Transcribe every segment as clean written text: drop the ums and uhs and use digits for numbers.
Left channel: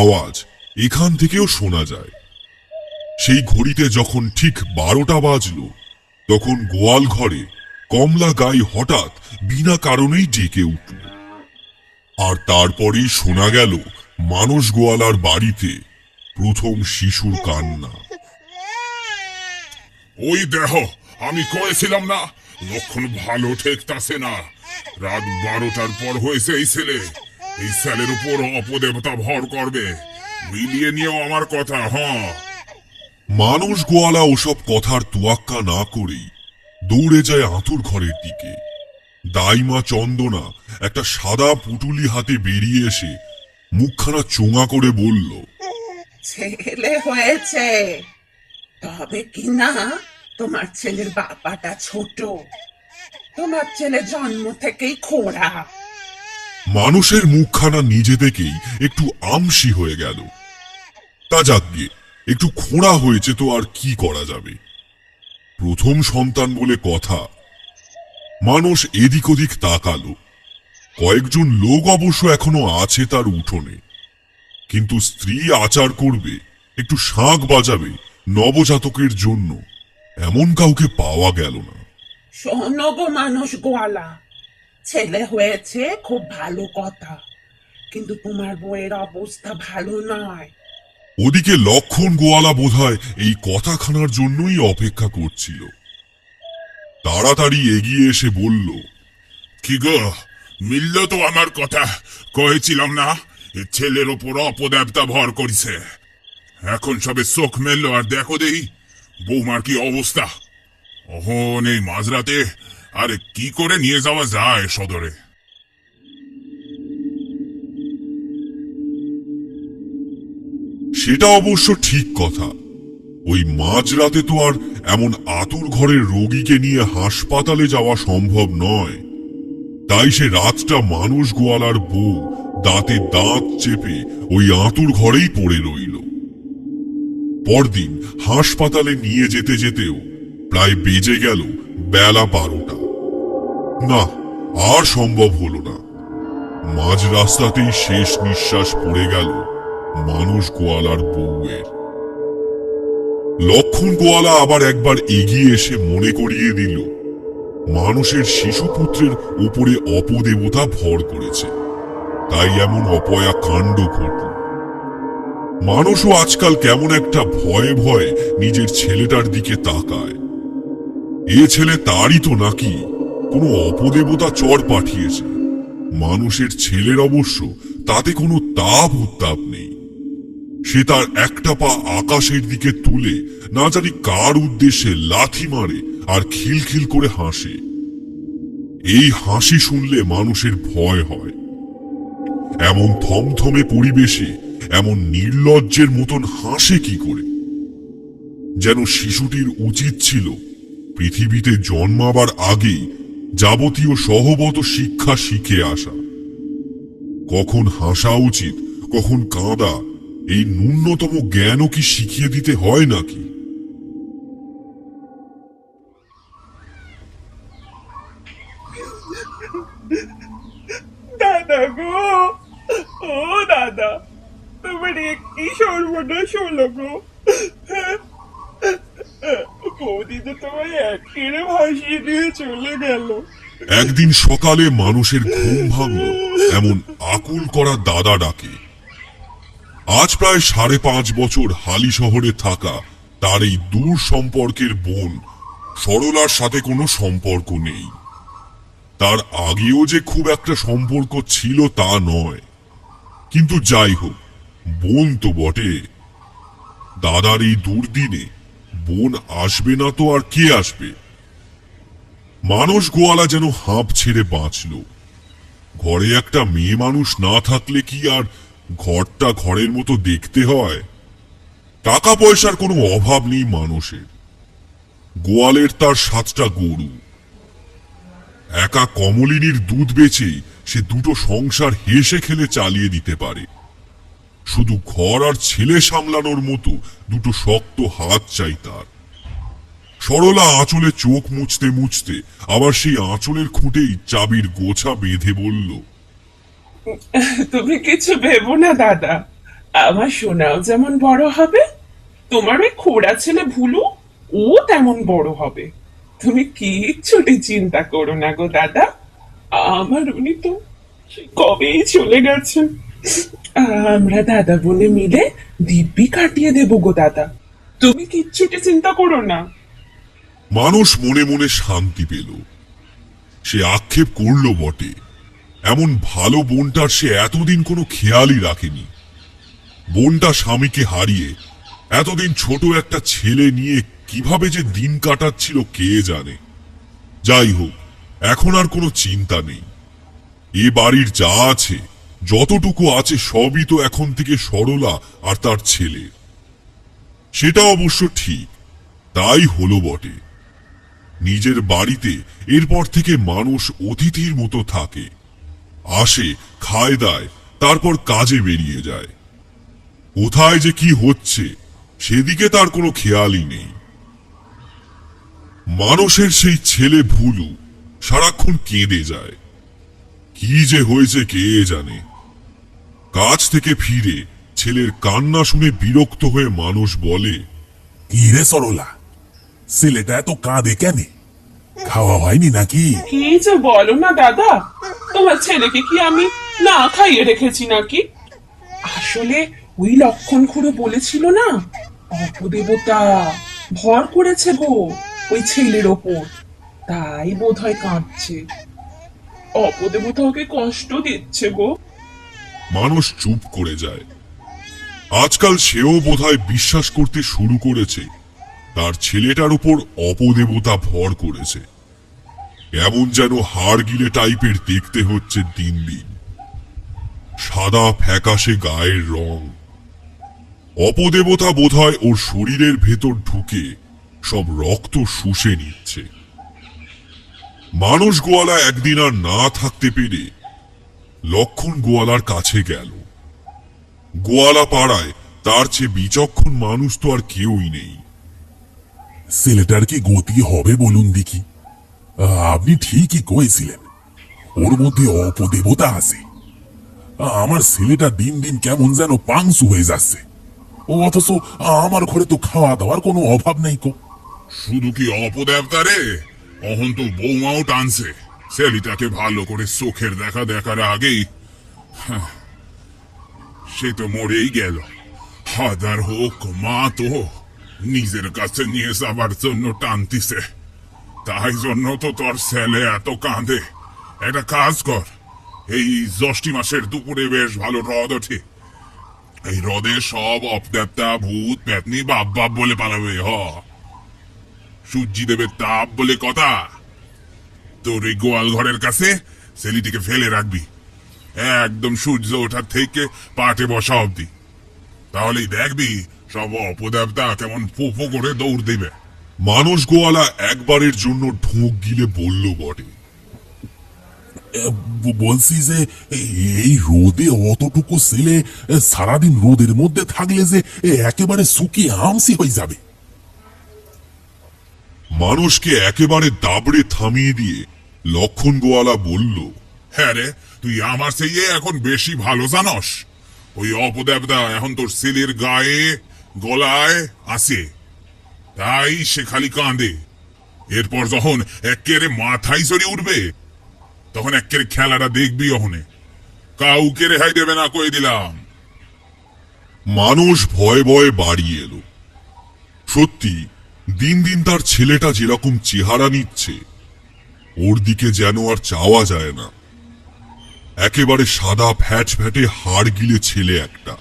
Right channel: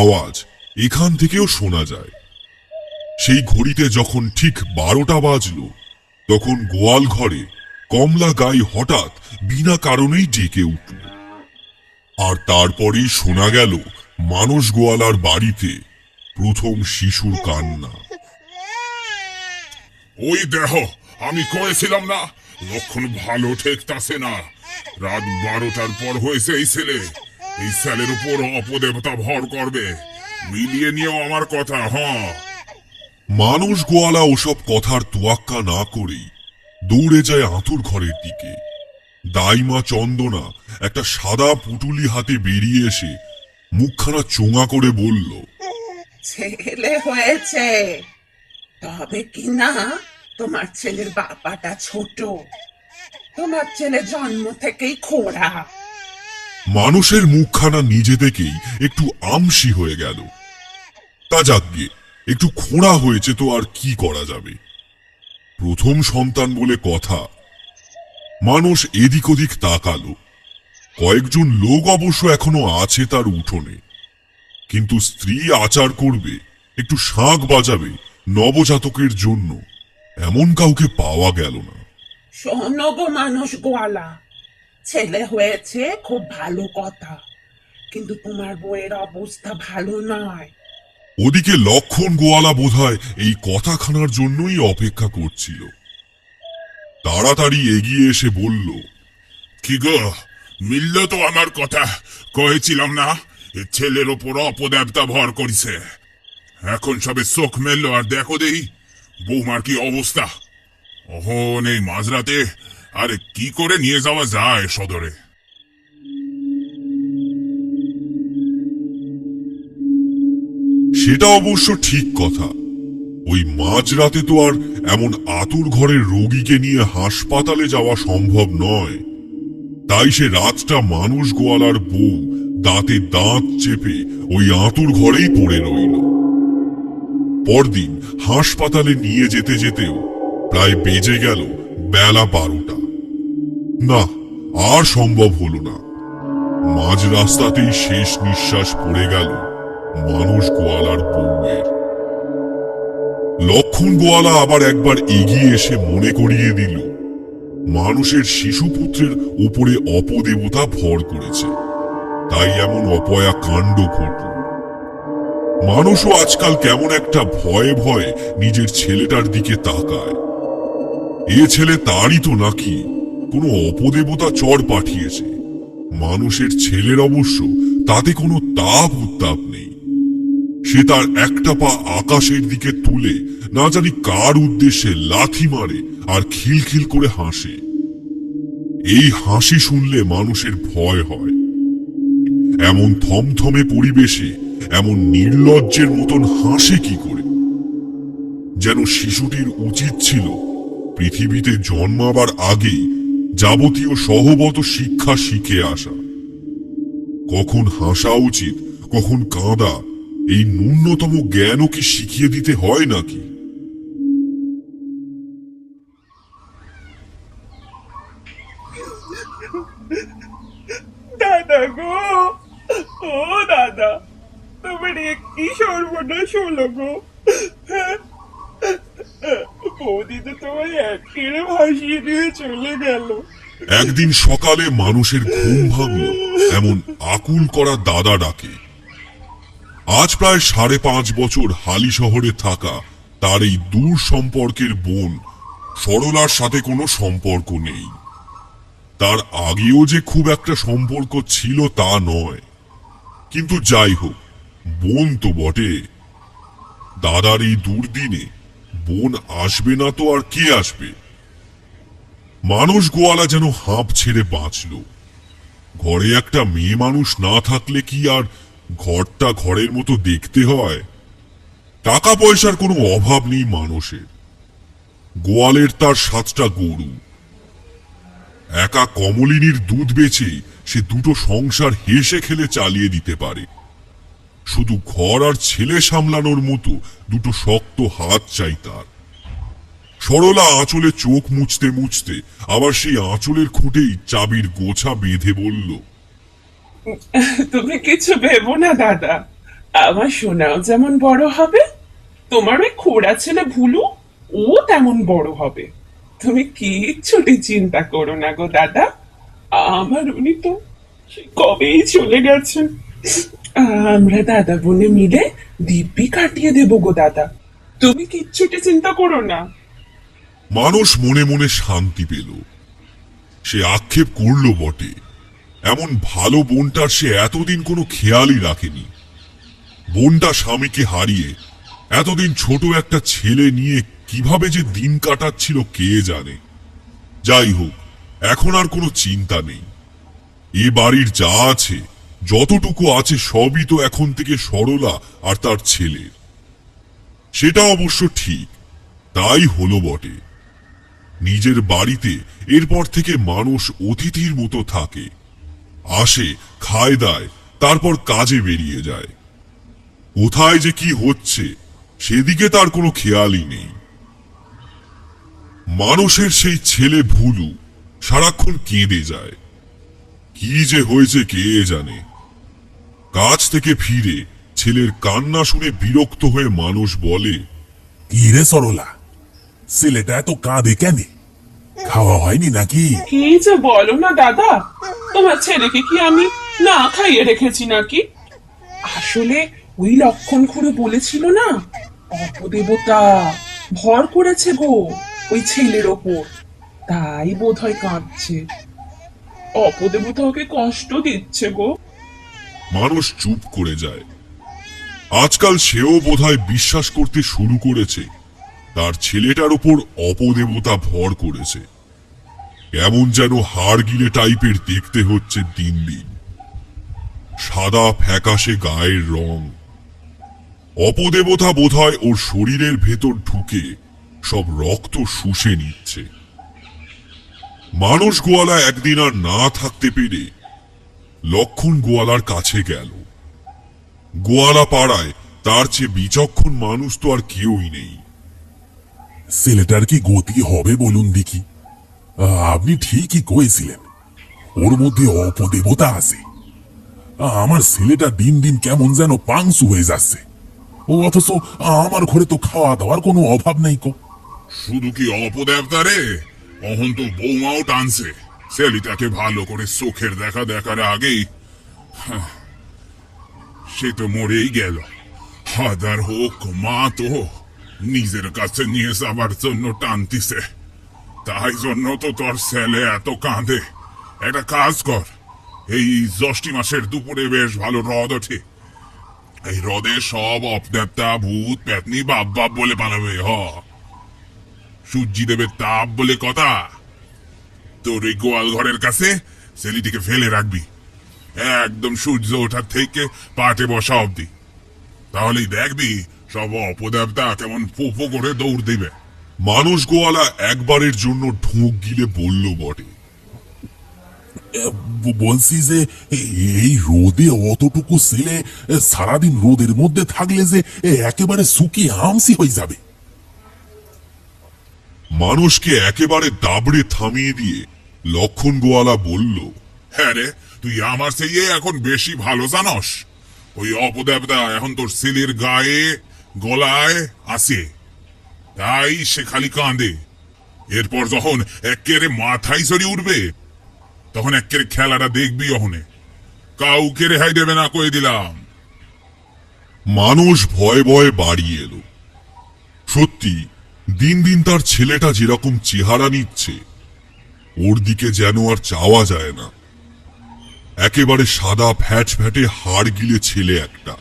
আওয়াজ এখান থেকেও শোনা যায়। সেই ঘড়িতে যখন ঠিক 12টা বাজল, তখন গোয়াল ঘরে কমলা গাই হঠাৎ বিনা কারণেই ডেকে উঠল। আর তারপরেই শোনা গেল মানস গোয়ালার বাড়িতে প্রথম শিশুর কান্না। ওই দেহ, আমি কয়েছিলাম না লক্ষণ ভালো ঠেকতাছে না। রাত 12টার পর হয়েছে এই ছেলের উপর অপদেবতা ভর করবে। মিলিয়ে নিয়েও আমার কথা। মানস গোয়ালা ওসব কথার তোয়াক্কা না করেই দৌড়ে যায় আঁতুর ঘরের দিকে। দাইমা চন্দনা একটা সাদা পুটুলি হাতে বেরিয়ে এসে মুখখানা চোঙা করে বলল, ছেলে হয়েছে, তবে কি না তোমার ছেলের বাবাটা ছোট, তোমার ছেলে জন্ম থেকেই খোড়া। মানুষের মুখখানা নিজে থেকেই একটু আমসি হয়ে গেল। তা যাক গিয়ে, একটু খোঁড়া হয়েছে তো আর কি করা যাবে, প্রথম সন্তান বলে কথা। মানুষ এদিক ওদিক তাকালো। কয়েকজন লোক অবশ্য এখনো আছে তার উঠোনে, কিন্তু স্ত্রী আচার করবে, একটু শাঁখ বাজাবে নবজাতকের জন্য, এমন কাউকে পাওয়া গেল না। শোনো গো মানুষ গোয়ালা, ছেলে হয়েছে খুব ভালো কথা, কিন্তু তোমার বউয়ের অবস্থা ভালো নয়। ওদিকে লক্ষণ গোয়ালা বোধহয় এই কথাখানার জন্যই অপেক্ষা করছিল। তাড়াতাড়ি এগিয়ে এসে বলল, কি গো, মিলল তো আমার কথা? কয়েছিলাম না এ ছেলের ওপর অপদেবতা ভর করিছে। এখন সবে চোখ মেললো আর দেখো দেই বৌমার কি অবস্থা। অহন এই মাঝরাতে আরে কি করে নিয়ে যাওয়া যায় সদরে? সেটা অবশ্য ঠিক কথা। ওই মাঝরাতে তো আর এমন আতুর ঘরের রোগীকে নিয়ে হাসপাতালে যাওয়া সম্ভব নয়। তাই সে রাতটা মানুষ গোয়ালার বউ দাঁতে দাঁত চেপে ওই আতুর ঘরেই পড়ে রইল। পরদিন হাসপাতালে নিয়ে যেতে যেতেও প্রায় বেজে গেল বেলা 12টা। না, আর সম্ভব হলো না। মাঝ রাস্তাতেই শেষ নিঃশ্বাস পড়ে গেল মানুষ গোয়ালার বউয়ের। লক্ষণ গোয়ালা আবার একবার এগিয়ে এসে মনে করিয়ে দিল, মানুষের শিশুপুত্রের উপরে অপদেবতা ভর করেছে, তাই এমন অপয়া কাণ্ড ঘটল। মানুষও আজকাল কেমন একটা ভয়ে ভয়ে নিজের ছেলেটার দিকে তাকায়। এ ছেলে তারই তো নাকি কোনো অপদেবতা চর পাঠিয়েছে। মানুষের ছেলের অবশ্য তাতে কোনো তাপ উত্তাপ নেই। সে তার একটা পা আকাশের দিকে তুলে না জানি কার উদ্দেশ্যে লাথি মারে আর খিলখিল করে হাসে। এই হাসি শুনলে মানুষের ভয় হয়। এমন থমথমে পরিবেশে এমন নির্লজ্জের মতন হাসে কি করে? যেন শিশুটির উচিত ছিল পৃথিবীতে জন্মাবার আগেই যাবতীয় সহবত শিক্ষা শিখে আসা। কখন হাসা উচিত, কখন কাঁদা, এই ন্যূনতম জ্ঞানও কি শিখিয়ে দিতে হয় নাকি? দাদা গো, ও দাদা, তোমার কি সর্বনাশ হলো গো। বৌদি তো তোমায় একেবারে ভাসিয়ে দিয়ে চলে গেল। একদিন সকালে মানুষের ঘুম ভাঙল এমন আকুল করা দাদা ডাকে। আজ প্রায় 5.5 বছর হালি শহরে থাকা তার এই দূর সম্পর্কের বোন সরলার সাথে কোনো সম্পর্ক নেই। তার আগেও যে খুব একটা সম্পর্ক ছিল তা নয়, কিন্তু যাই হোক, বোন তো বটে। দাদার এই দুর্দিনে বোন আসবে না তো আর কে আসবে? মানুষ গোয়ালা যেন হাঁপ ছেড়ে বাঁচল। ঘরে একটা মেয়ে মানুষ না থাকলে কি আর ঘরটা ঘরের মতো দেখতে হয়? টাকা পয়সার কোনো অভাব নেই মানুষের। গোয়ালের তার 7টা গরু। একা কমলিনীর দুধ বেচে সে দুটো সংসার হেসে খেলে চালিয়ে দিতে পারে। শুধু ঘর আর ছেলে সামলানোর মতো দুটো শক্ত হাত চাই তার। সরলা আঁচলে চোখ মুছতে মুছতে আবার সেই আঁচলের খুঁটেই চাবির গোছা বেঁধে বলল, তুমি কিছু ভেবো না দাদা, আমার সোনাও যেমন বড় হবে, তোমার ওই খোড়া ছেলে ভুলু ও তেমন বড় হবে। তুমি কিচ্ছুটি চিন্তা করো না গো দাদা। আমার উনি তো সেই কবেই চলে গেছেন। আমরা দাদা বোনে মিলে দিব্যি কাটিয়ে দেবো গো দাদা, তুমি কিচ্ছুটি চিন্তা করো না। মানুষ মনে মনে শান্তি পেল। সে আক্ষেপ করলো বটে, এমন ভালো বোনটার সে এতদিন কোনো খেয়ালই রাখেনি। বোনটা স্বামীকে হারিয়ে এতদিন ছোট একটা ছেলে নিয়ে কিভাবে যে দিন কাটাচ্ছিল কে জানে। যাই হোক, এখন আর কোনো চিন্তা নেই। এ বাড়ির যা আছে, যতটুকু আছে সবই তো এখন থেকে সরলা আর তার ছেলের। সেটা অবশ্য ঠিক, তাই হলো বটে। নিজের বাড়িতে এরপর থেকে মানুষ অতিথির মতো থাকে, আসে, খায় দায়, তারপর কাজে বেরিয়ে যায়। কোথায় যে কি হচ্ছে সেদিকে তার কোনো খেয়ালই নেই। মানুষের সেই ছেলে ভুলু সারাক্ষণ কেঁদে যায়। কি যে হয়েছে কে জানে। কাজ থেকে ফিরে ছেলের কান্না শুনে বিরক্ত হয়ে মানুষ বলে, কি রে সরলা, ছেলেটা এত কাঁদে কেন? খাওয়া হয়নি নাকি? কি যে বলো না দাদা, তোমার ছেলেকে কি আমি না খাইয়ে রেখেছি নাকি? আসলে ওই লক্ষণ খুড়ো বলেছিল না, অপদেবতা ভর করেছে গো ওই ছেলের ওপর, তাই বোধ হয় কাঁদছে। অপদেবতা ওকে কষ্ট দিচ্ছে গো। মানুষ চুপ করে যায়। আজকাল সেও বোধহয় বিশ্বাস করতে শুরু করেছে তার ছেলেটার উপর অপদেবতা ভর করেছে। এমন যেন হাড় গিলে টাইপের দেখতে হচ্ছে দিন দিন। সাদা ফ্যাকাশে গায়ের রং। অপদেবতা বোধহয় ওর শরীরের ভেতর ঢুকে সব রক্ত শুষে নিচ্ছে। মানুষ গোয়ালা একদিন আর না থাকতে পেরে লক্ষণ গোয়ালার কাছে গেল। গোয়ালা পাড়ায় তার চেয়ে বিচক্ষণ মানুষ তো আর কেউই নেই। ছেলেটার কি গতি হবে বলুন দেখি? আপনি ঠিকই কয়েছিলেন, ওর মধ্যে অপদেবতা আছে। আমার ছেলেটা দিন দিন কেমন যেন পাংসু হয়ে যাচ্ছে। ও অথচ আমার ঘরে তো খাওয়া দাওয়ার কোনো অভাব নাই কো। শুধু কি অপদেবতা রে, অহন তো বৌমাও টানছে ছেলেটাকে ভালো করে চোখের দেখা দেখার আগেই। সে তো মরেই গেল। হাজার হোক মা তো নিজের কাছে নিয়ে যাবার জন্য টানতিছে, তাই জন্য তো তোর ছেলে এত কাঁদে। একটা কাজ কর, এই জ্যৈষ্ঠী মাসের দুপুরে বেশ ভালো রদ ওঠে, এই হ্রদে সব অপদেবতা ভূত পেতনি বাপ বাপ বলে পালাবে। সূর্যি দেবের তাপ বলে কথা। তোর এই গোয়াল ঘরের কাছে ছেলেটিকে ফেলে রাখবি একদম সূর্য ওঠার থেকে পাটে বসা অবধি। তাহলেই দেখবি সব অপদেবতা কেমন ফোফো করে দৌড় দিবে। মানুষ গোয়ালা একবারের জন্য ঢোক গিলে বলল বটে, বলছি যে এই রোদে অতটুকু ছেলে সারাদিন রোদের মধ্যে থাকলে যে একেবারে শুকিয়ে আমসি হয়ে যাবে। মানুষকে একেবারে দাবড়ে থামিয়ে দিয়ে লক্ষণ গোয়ালা বলল, হ্যাঁ রে, তুই আমার চেয়ে এখন বেশি ভালো জানস। ওই অপদেবতা এখন তোর ছেলের গায়ে গলায় আছে, তাই সে খালি কাঁদে। এরপর যখন একেরে মাথায় চড়ি উঠবে, তখন একের খেলাটা দেখবি। ওখানে কাউকে রেহাই দেবে না, কয়ে দিলাম। মানুষ ভয়ে ভয়ে বাড়ি এলো। সত্যি দিন দিন তার ছেলেটা যেরকম চেহারা নিচ্ছে, ওর দিকে যেন আর চাওয়া যায় না। একেবারে সাদা ফ্যাট ফ্যাটে হাড় গিলে ছেলে একটা,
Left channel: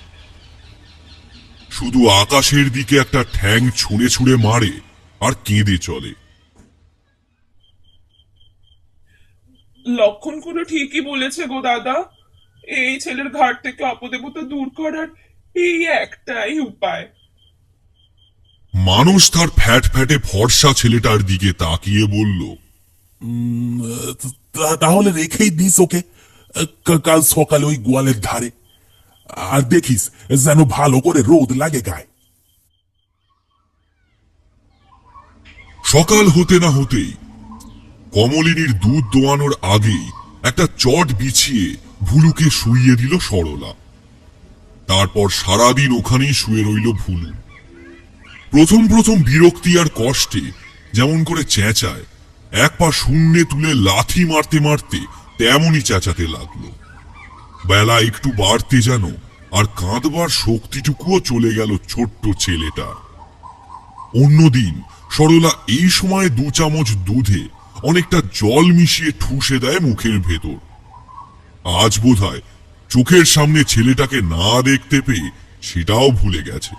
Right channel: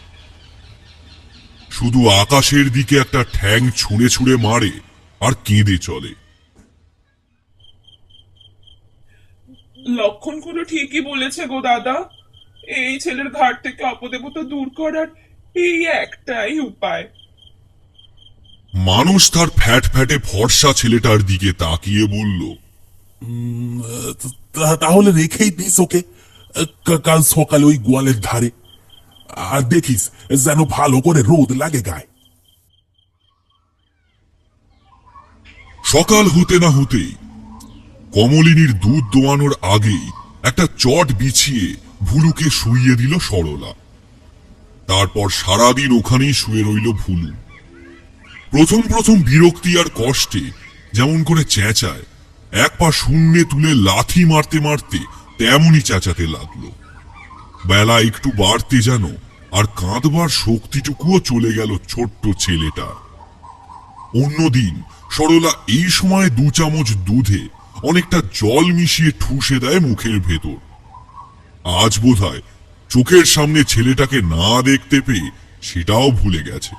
শুধু আকাশের দিকে একটা ঠ্যাং ছুঁড়ে ছুঁড়ে মারে আর কেঁদে চলে। লক্ষণ খুড়ো ঠিকই বলেছে গো দাদা, এই ছেলের ঘাট থেকে অপদেবতা দূর করার এই একটাই উপায়। মানুষ তার ফ্যাট ফ্যাটে ফর্সা ছেলেটার দিকে তাকিয়ে বলল, তাহলে রেখেই দিস ওকে কাল সকালে ওই গোয়ালের ধারে। আর দেখিস যেন ভালো করে রোদ লাগে গায়ে। সকাল হতে না হতেই কমলিনীর দুধ দোয়ানোর আগেই একটা চট বিছিয়ে ভুলুকে শুইয়ে দিল সরলা। তারপর সারাদিন ওখানেই শুয়ে রইল ভুলু। প্রথম প্রথম বিরক্তি আর কষ্টে যেমন করে চেঁচায়, এক পা শূন্যে তুলে লাথি মারতে মারতে তেমনই চেঁচাতে লাগলো। বেলা একটু বাড়তে যেন আর কাঁদবার শক্তিটুকুও চলে গেল ছোট্ট ছেলেটা। অন্যদিন সরলা এই সময় 2 চামচ দুধে অনেকটা জল মিশিয়ে ঠুসে দেয় মুখের ভেতর। আজ বোধহয় চোখের সামনে ছেলেটাকে না দেখতে পেয়ে সেটাও ভুলে গেছে।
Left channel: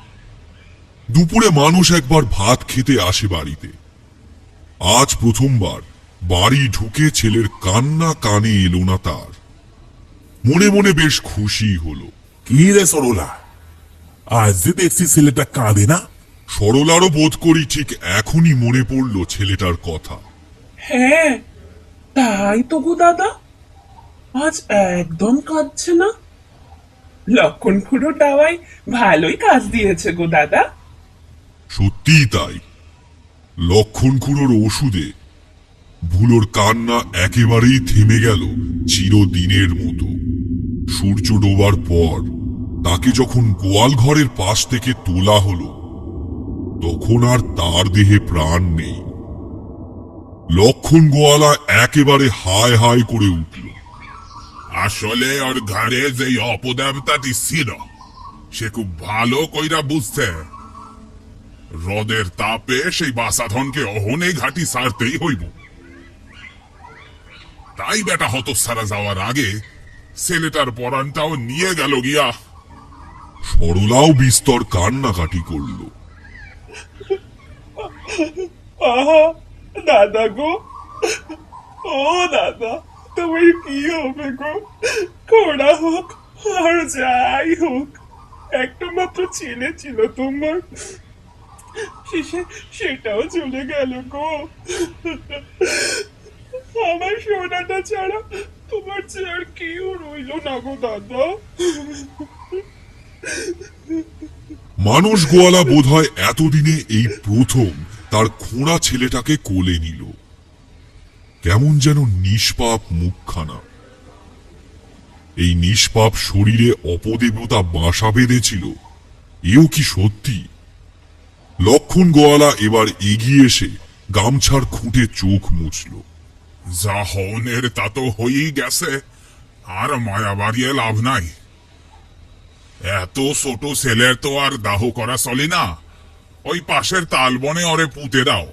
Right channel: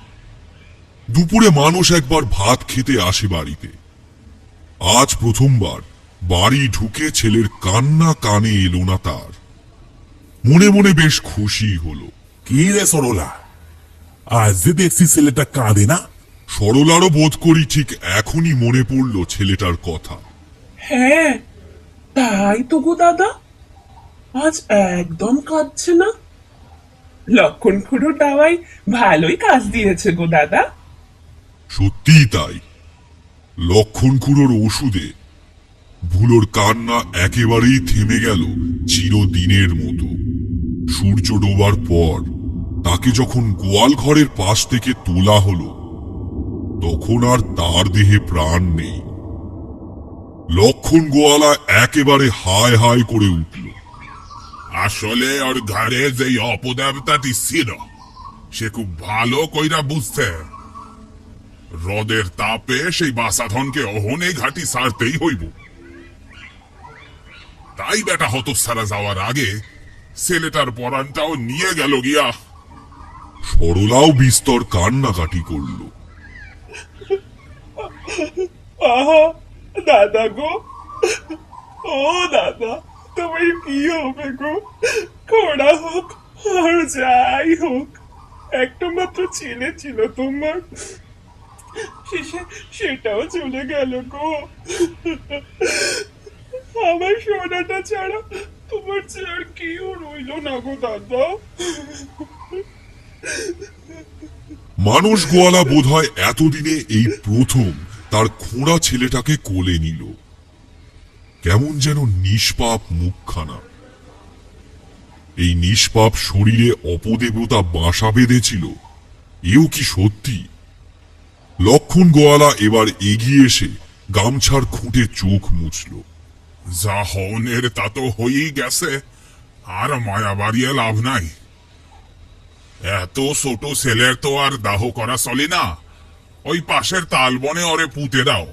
দুপুরে মানুষ একবার ভাত খেতে আসে বাড়িতে। আজ প্রথমবার বাড়ি ঢুকে ছেলের কান্না কানে এলো না তার। মনে মনে বেশ খুশি হলো। কি রে সরলা, আজ যে দেখছি ছেলেটা কাঁদে না। সরলারও বোধ করি ঠিক এখনই মনে পড়ল ছেলেটার কথা। হ্যাঁ, তাই তো গো দাদা, আজ একদম কাঁদছে না। লক্ষণ খুড়ো টাওয়াই ভালোই কাজ দিয়েছে গো দাদা। সত্যিই তাই। লক্ষণ খুড়োর ওষুধে ভুলোর কান্না একেবারেই থেমে গেল চিরদিনের মতো। সূর্য ডোবার পর তাকে যখন গোয়াল ঘরের পাশ থেকে তোলা হলো, তখন আর তার দেহে প্রাণ নেই। লক্ষণ গোয়ালা একেবারে হায় হায় করে উঠল। আসলে ওর ঘরে যেই অপদেবতাটি ছিল সে খুব ভালো কইরা বুঝতে, রোদের তাপে সেই বাসাধনকে অহনে ঘাটি সারতেই হইব। তাই বেটা হতসারা যাওয়ার আগে ছেলেটার পরানটাও নিয়ে গেল গিয়া। সরলাও বিস্তর কান্নাকাটি করল। আহা দাদা গো, ও দাদা, তুমি কি হবে গো? খোড়া হোক আর যাই হোক, একটা মাত্র ছেলে ছিল তোমার, সেটাও চলে গেল গো। আমার সোনাটা ছাড়া তোমার যে আর কেউ রইল না গো দাদা। মানুষ গোয়ালা বোধহয় এতদিনে এই প্রথম তার খোঁড়া ছেলেটাকে কোলে নিল। কেমন যেন নিষ্পাপ মুখখানা। এই নিষ্পাপ শরীরে অপদেবতা বাসা বেঁধেছিল, এও কি সত্যি? লক্ষণ গোয়ালা এবার এগিয়ে এসে গামছার খুঁটে চোখ মুছল। যা হনের তা তো হয়েই গেছে, আর মায়া বাড়িয়ে লাভ নাই। এত ছোট ছেলের তো আর দাহ করা চলে না। ওই পাশের তালবনে ওরে পুঁতে দাও।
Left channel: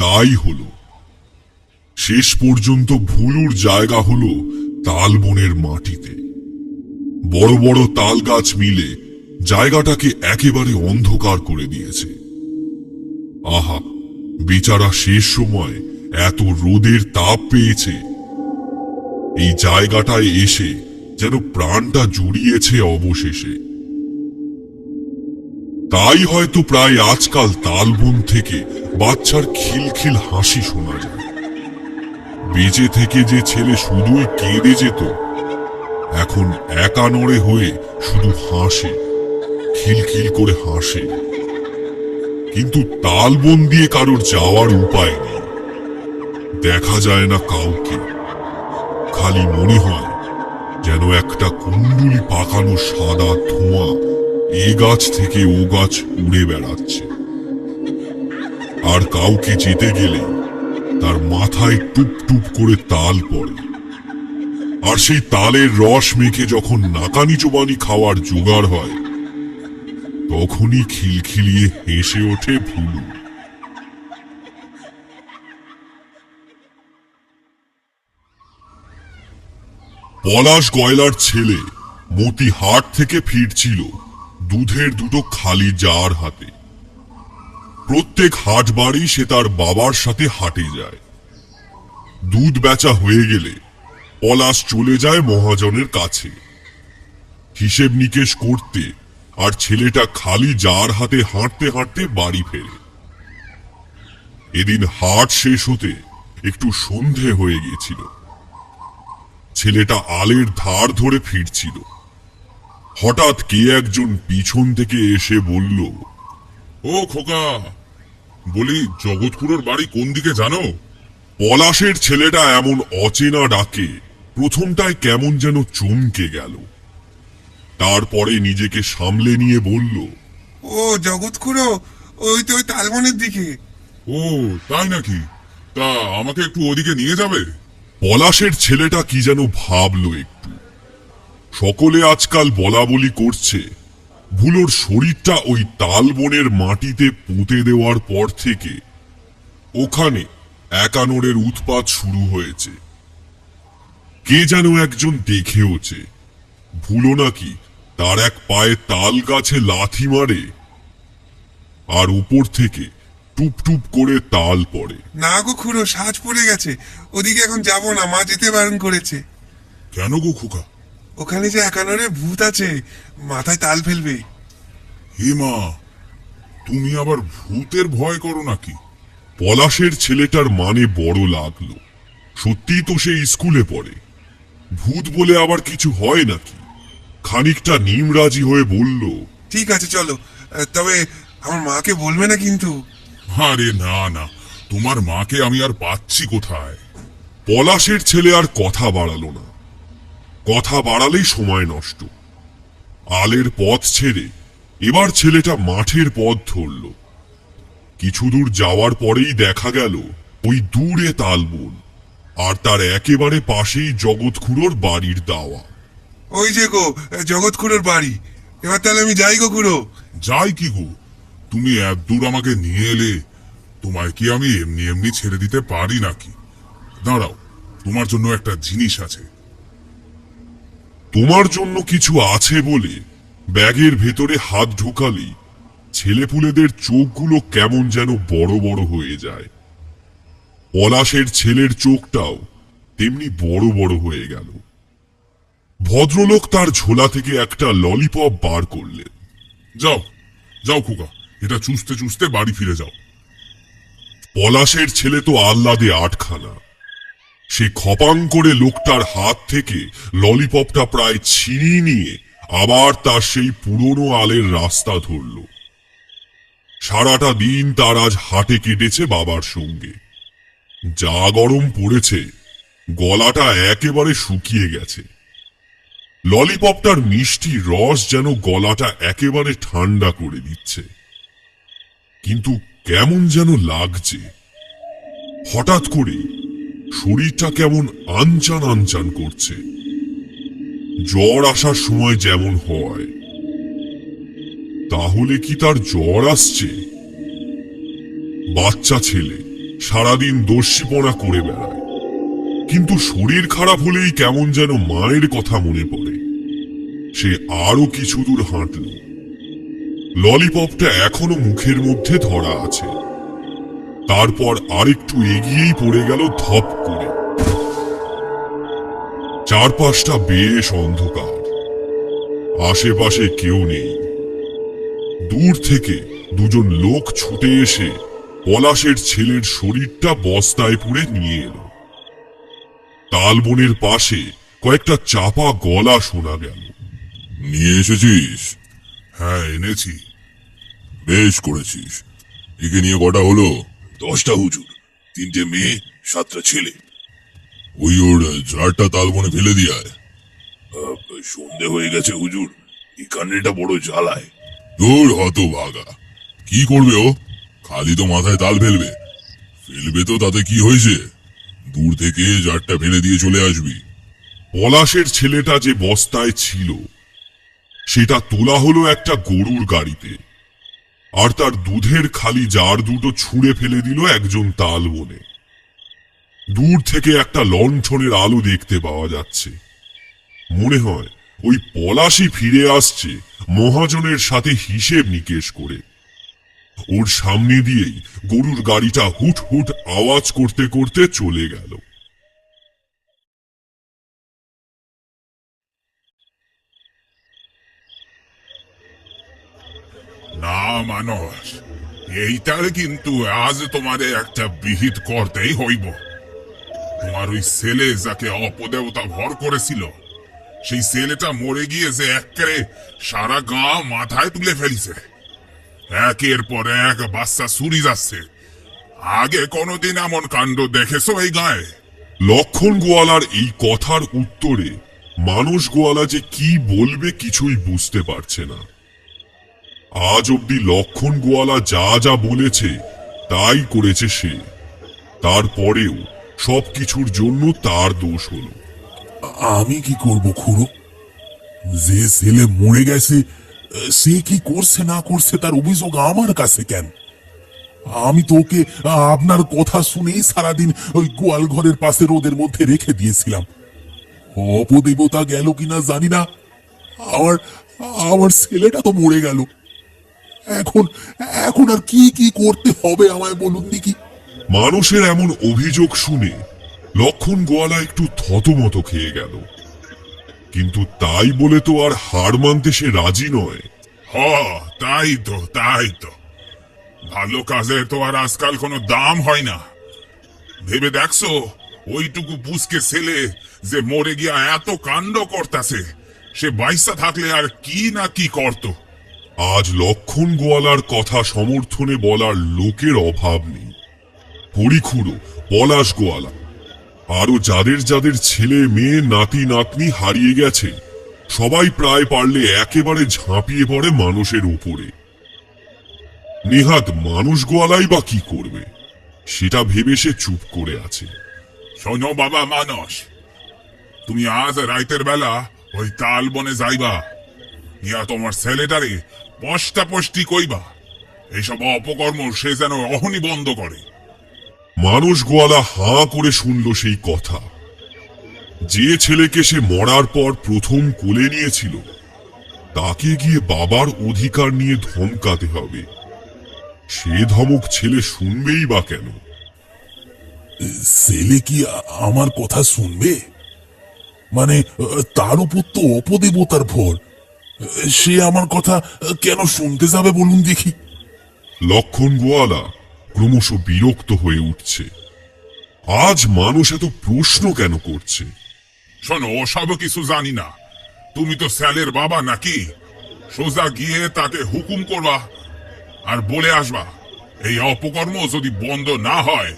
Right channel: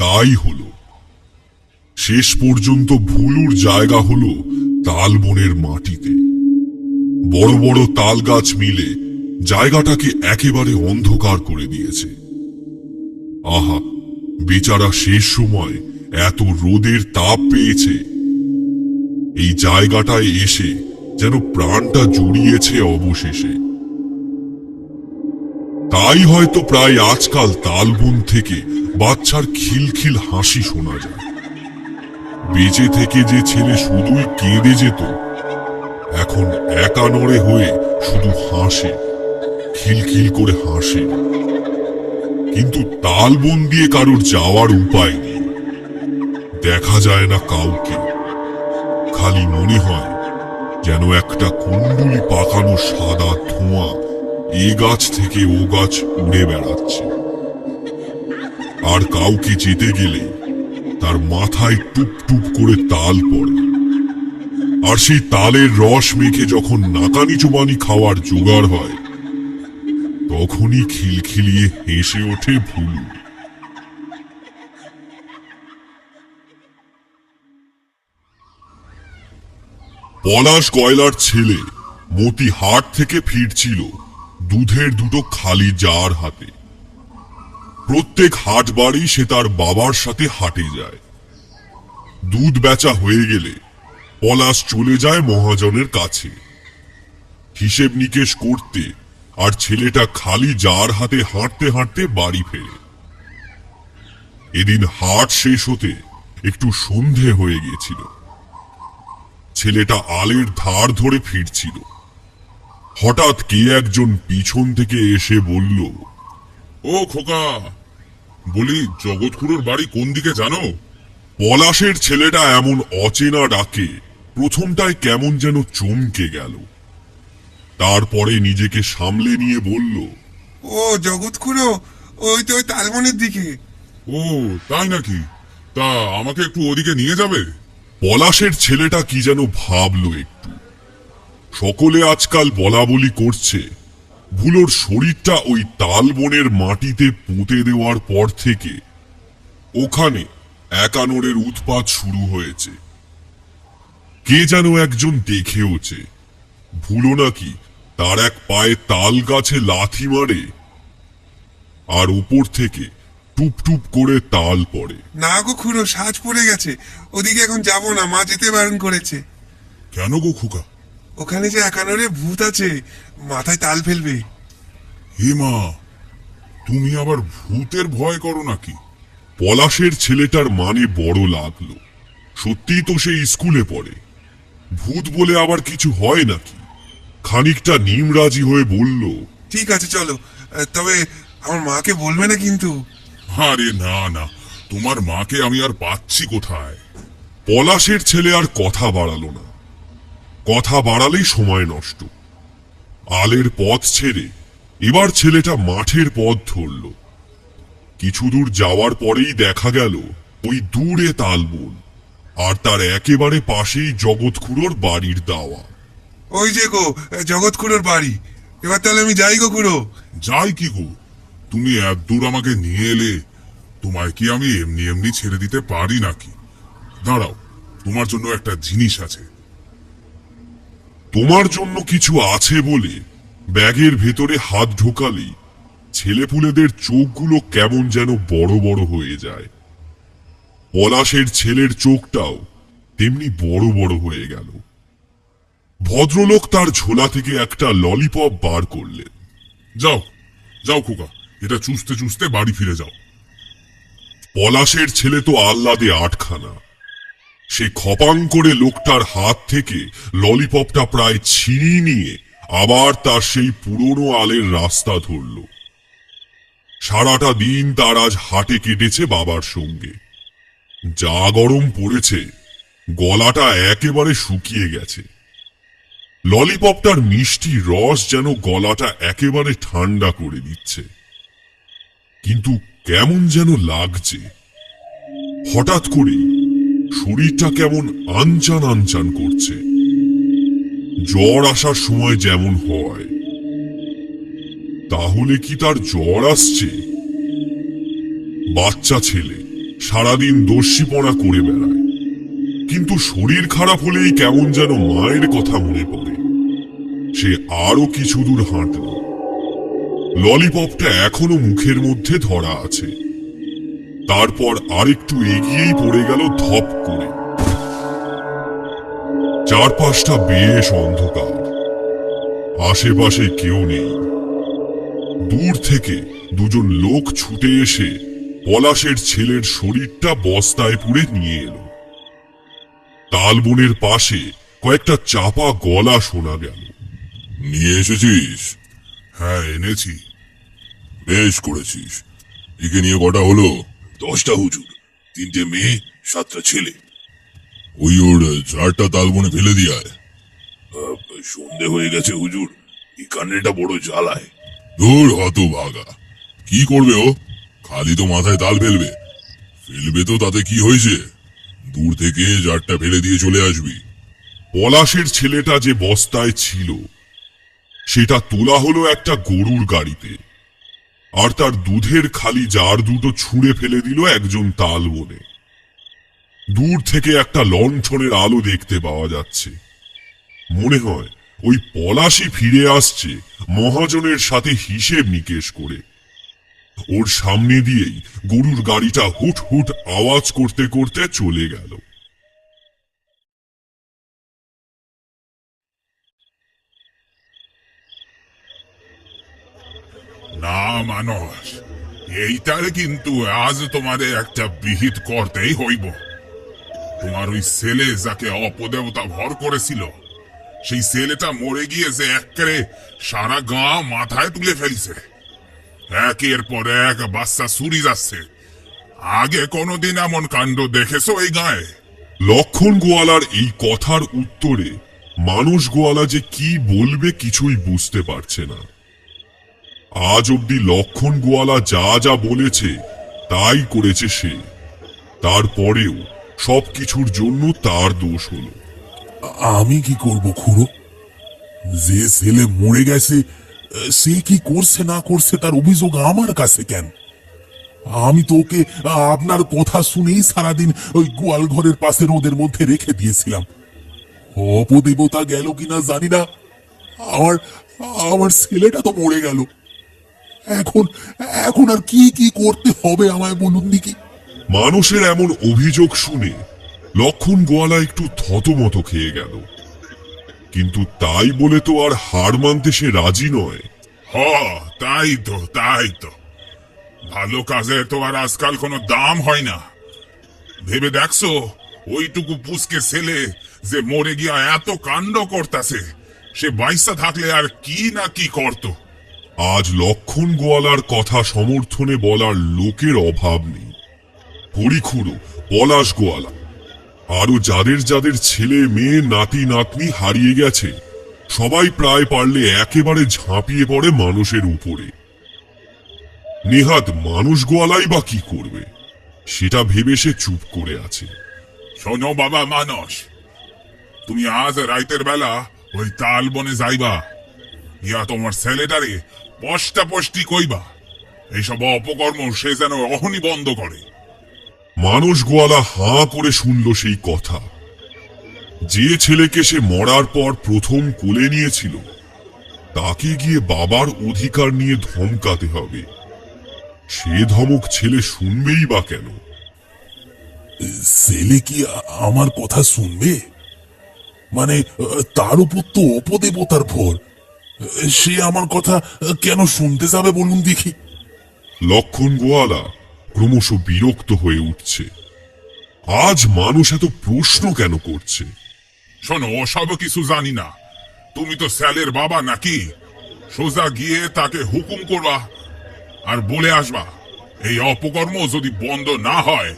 তাই হলো। শেষ পর্যন্ত ভুলুর জায়গা হলো তালবনের মাটিতে। বড় বড় তাল গাছ মিলে জায়গাটাকে একেবারে অন্ধকার করে দিয়েছে। আহা, বেচারা শেষ সময় এত রোদের তাপ পেয়েছে। এই জায়গাটায় এসে যেন প্রাণটা জুড়িয়েছে অবশেষে। তাই হয়তো প্রায় আজকাল তালবন থেকে বাচ্চার খিলখিল হাসি শোনা যায়। বেঁচে থেকে যে ছেলে শুধুই কেঁদে যেত, এখন একা নড়ে হয়ে শুধু হাসে, খিলখিল করে হাসে। কিন্তু তালবন দিয়ে কারোর যাওয়ার উপায় নেই, দেখা যায় না কাউকে। খালি মনে হয় যেন একটা কুণ্ডুলি পাকানো সাদা ধোঁয়া এ গাছ থেকে ও গাছ উড়ে বেড়াচ্ছে। আর কাউকে যেতে গেলে তার মাথায় টুপ টুপ করে তাল পড়ে। আর সেই তালের রস মেখে যখন নাকানি চোবানি খাওয়ার জোগাড় হয়, তখনই খিলখিলিয়ে হেসে ওঠে ভুলু। পলাশ গয়লার ছেলে মতি হাট থেকে ফিরছিল দুধের দুটো খালি জার হাতে। প্রত্যেক হাট বাড়ি সে তার বাবার সাথে হাটে যায়। দুধ বেচা হয়ে গেলে পলাশ চলে যায় মহাজনের কাছে হিসেব নিকেশ করতে, আর ছেলেটা খালি জার হাতে হাঁটতে হাঁটতে বাড়ি ফেরে। এদিন হাট শেষ হতে একটু সন্ধে হয়ে গিয়েছিল। ছেলেটা আলের ধার ধরে ফিরছিল। হঠাৎ কে একজন পিছন থেকে এসে বলল, ও খোকা, বলি জগৎ খুড়োর বাড়ি কোন দিকে জানো? পলাশের ছেলেটা এমন অচেনা ডাকে প্রথমটায় কেমন যেন চমকে গেল, তারপরে নিজেকে সামলে নিয়ে বলল, ও জগৎ খুড়ো, ওই তো ওই তালবনের দিকে। ও তাই নাকি? তা আমাকে একটু ওদিকে নিয়ে যাবে? পলাশের ছেলেটা কি যেন ভাবলো একটু। সকলে আজকাল বলা বলি করছে ভুলোর শরীরটা ওই তালবনের মাটিতে পুঁতে দেওয়ার পর থেকে ওখানে একানোরের উৎপাত শুরু হয়েছে। কে যেন একজন দেখেওছে ভুলো নাকি তার এক পায়ে তাল গাছে লাথি মারে, আর উপর থেকে টুপ টুপ করে তাল পড়ে। না গো খুড়ো, সাজ পড়ে গেছে, ওদিকে এখন যাব না, মা যেতে বারণ করেছে। কেন গো খোকা? ওখানে যে একানোরে ভূত আছে, মাথায় তাল ফেলবে। হে মা, তুমি আবার ভূতের ভয় করো নাকি? পলাশের ছেলেটার মানে বড় লাগলো। সত্যি তো সে স্কুলে পড়ে, ভূত বলে আবার কিছু হয় নাকি? খানিকটা নিমরাজি হয়ে বলল, ঠিক আছে চলো, তবে আমার মাকে বলবে না কিন্তু। আরে না না, তোমার মাকে আমি আর পাচ্ছি কোথায়? পলাশের ছেলে আর কথা বাড়ালো না। কথা বাড়ালেই সময় নষ্ট। আলের পথ ছেড়ে এবার ছেলেটা মাঠের পথ ধরল। কিছু দূর যাওয়ার পরেই দেখা গেল ওই দূরে তালবন, আর তার একেবারে পাশেই জগৎ খুড়োর বাড়ির দাওয়া। ওই যে গো জগৎ খুড়োর বাড়ি। এবার তাহলে আমি যাই গো খুড়ো। যাই কি গো, তুমি এত দূর আমাকে নিয়ে এলে, তোমায় কি আমি এমনি এমনি ছেড়ে দিতে পারি নাকি? দাঁড়াও, তোমার জন্য একটা জিনিস আছে। তোমার জন্য কিছু আছে বলে ব্যাগের ভেতরে হাত ঢোকালেই ছেলেপুলেদের চোখগুলো কেমন যেন বড় বড় হয়ে যায়। পলাশের ছেলের চোখটাও তেমনি বড় বড় হয়ে গেল। ভদ্রলোক তার ঝোলা থেকে একটা ললিপপ বার করলেন। যাও যাও খোকা, এটা চুষতে চুষতে বাড়ি ফিরে যাও। পলাশের ছেলে তো আহ্লাদে আটখানা। সে খপাং করে লোকটার হাত থেকে ললিপপটা প্রায় ছিনিয়ে নিয়ে আবার তার সেই পুরনো আলের রাস্তা ধরল। সারাটা দিন তার আজ হাটে কেটেছে বাবার সঙ্গে। যা গরম পড়েছে, গলাটা একেবারে শুকিয়ে গেছে। ললিপপটার মিষ্টি রস যেন গলাটা একেবারে ঠান্ডা করে দিচ্ছে, কিন্তু কেমন যেন লাগছে। হঠাৎ করে শরীরটা কেমন আনচান আনচান করছে, জ্বর আসার সময় যেমন হয়। তাহলে কি তার জ্বর আসছে? বাচ্চা ছেলে সারাদিন দস্যিপনা করে বেড়ায়, কিন্তু শরীর খারাপ হলেই কেমন যেন মায়ের কথা মনে পড়ে। সে আরো কিছু দূর হাঁটল। ললিপপটা এখনো মুখের মধ্যে ধরা আছে। তারপর আরেকটু এগিয়েই পড়ে গেল ধপ করে। চারপাশটা বেশ অন্ধকার, আশেপাশে কেউ নেই। দূর থেকে দুজন লোক ছুটে এসে পলাশের ছেলের শরীরটা বস্তায় পুরে নিয়ে এলো। তালবনের পাশে কয়েকটা চাপা গলা শোনা গেল। নিয়ে এসেছিস? হ্যাঁ এনেছি। বেশ করেছিস। একে নিয়ে কটা হলো? 10টা হুজুর, 3টে মেয়ে, 7টা ছেলে। ওই ওর ঝাড়টা তালবনে ফেলে দিয়ে আয়। সন্ধে হয়ে গেছে হুজুর, এই কান্ডটা বড় জ্বালায়। দূর হতভাগা, কি করবে ও? খালি তো মাথায় তাল ফেলবে। ফেলবে তো, তাতে কি হয়েছে? দূর থেকে ঝাড়টা ফেলে দিয়ে চলে আসবি। পলাশের ছেলেটা যে বস্তায় ছিল সেটা তোলা হলো একটা গরুর গাড়িতে, আর তার দুধের খালি জার দুটো ছুঁড়ে ফেলে দিল একজন তালবনে। দূর থেকে একটা লণ্ঠনের আলো দেখতে পাওয়া যাচ্ছে। মনে হয় ওই পলাশই ফিরে আসছে মহাজনের সাথে হিসেব নিকেশ করে। ওর সামনে দিয়েই গরুর গাড়িটা হুট হুট আওয়াজ করতে করতে চলে গেল। না মানুষ, এইটার কিন্তু আজ তোমাদের একটা বিহিত করতেই হইব। তোমার ওই ছেলে যাকে অপদেবতা ভর করেছিল, সেই ছেলেটা মরে গিয়ে যে একেবারে সারা গাঁ মাথায় তুলে ফেলিছে। একের পর এক বাচ্চা চুরি যাচ্ছে। আগে কোনোদিন এমন কাণ্ড দেখেছো এই গায়ে? লক্ষণ গোয়ালার এই কথার উত্তরে মানুষ গোয়ালা যে কি বলবে কিছুই বুঝতে পারছে না। আজ অব্দি লক্ষণ গোয়ালা যা যা বলেছে তাই করেছে সে, তারপরেও সবকিছুর জন্য তার দোষ হলো। আমি কি করব খুড়ো? যে ছেলে মরে গেছে সে কি করছে না করছে তার অভিযোগ আমার কাছে কেন? আমি তো ওকে আপনার কথা শুনেই সারাদিন ওই গোয়াল ঘরের পাশে রোদের মধ্যে রেখে দিয়েছিলাম। অপদেবতা গেল কিনা জানি না, আমার আমার ছেলেটা তো মরে গেল। এখন এখন আর কি কি করতে হবে আমায় বলুন দেখি। মানুষের এমন অভিযোগ শুনে লক্ষণ গোয়ালা একটু থতমত খেয়ে গেল, কিন্তু তাই বলে তো আর হার মানতে সে রাজি নয়। হ, তাই তো ভালো কাজে তো আর আজকাল কোনো দাম হয় না। ভেবে দেখছো ওইটুকু পুচকে ছেলে যে মরে গিয়া এত কাণ্ড করতাছে, সে বাইসা থাকলে আর কি না কি করত। আজ লক্ষণ গোয়ালার কথা সমর্থনে বলার লোকের অভাব নেই। হরিখুড়ো, পলাশ গোয়ালা, আরো যাদের যাদের ছেলে মেয়ে নাতি নাতনি হারিয়ে গেছে, সবাই প্রায় পারলে একেবারে ঝাঁপিয়ে পড়ে মানুষের উপরে। নেহাত মানুষ গোয়ালাই বা কি করবে, সেটা ভেবে সে চুপ করে আছে। শোনো বাবা মানস, তুমি আজ রাইতের বেলা ওই তাল বনে যাইবা, ইয়া তোমার ছেলেটারে পষ্টাপষ্টি কইবা এইসব অপকর্ম সে যেন অহনি বন্ধ করে। মানুষ গোয়ালা হাঁ করে শুনল সেই কথা। যে ছেলেকে সে মরার পর প্রথম কোলে নিয়েছিল, তাকে গিয়ে বাবার অধিকার নিয়ে ধমকাতে হবে। সে ধমক ছেলে শুনবেই বা কেন? ছেলে কি আমার কথা শুনবে? মানে তার উপর তো অপদেবতার ভর, সে আমার কথা কেন শুনতে যাবে বলুন দেখি। লক্ষণ গোয়ালা ক্রমশ বিরক্ত হয়ে উঠছে। আজ মানুষ এত প্রশ্ন কেন করছে? শোনো, ওসব কিছু জানি না। তুমি তো স্যালের বাবা নাকি? সোজা গিয়ে তাকে হুকুম করবা আর বলে আসবা এই অপকর্ম যদি বন্ধ না হয়,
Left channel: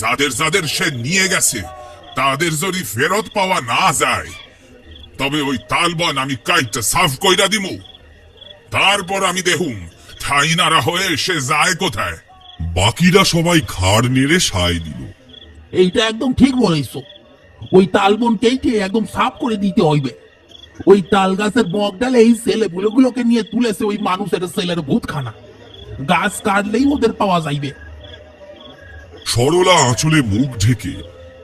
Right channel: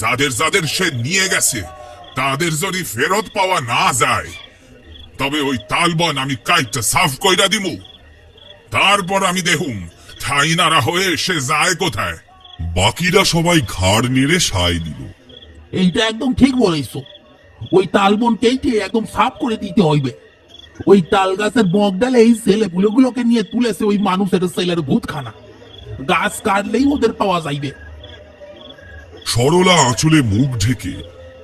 যাদের যাদের সে নিয়ে গেছে তাদের যদি ফেরত পাওয়া না যায়, তবে ওই তালবন আমি কাইটটা সাফ কইরা দিমু। তারপর আমি দেখুম ঠাইনারা হয়ে সে যায় কোথায়। বাকিরা সবাই ঘাড় নেড়ে সায় দিল। এইটা একদম ঠিক বলেছো। ওই তালবন কেটে একদম সাফ করে দিতে হইবে। ওই তাল গাছের বক ডালে এই ছেলেগুলোকে নিয়ে তুলেছে ওই মানুষের ছেলের ভূতখানা। গাছ কাটলেই ওদের পাওয়া যাইবে। সরলা আঁচলে মুখ ঢেকে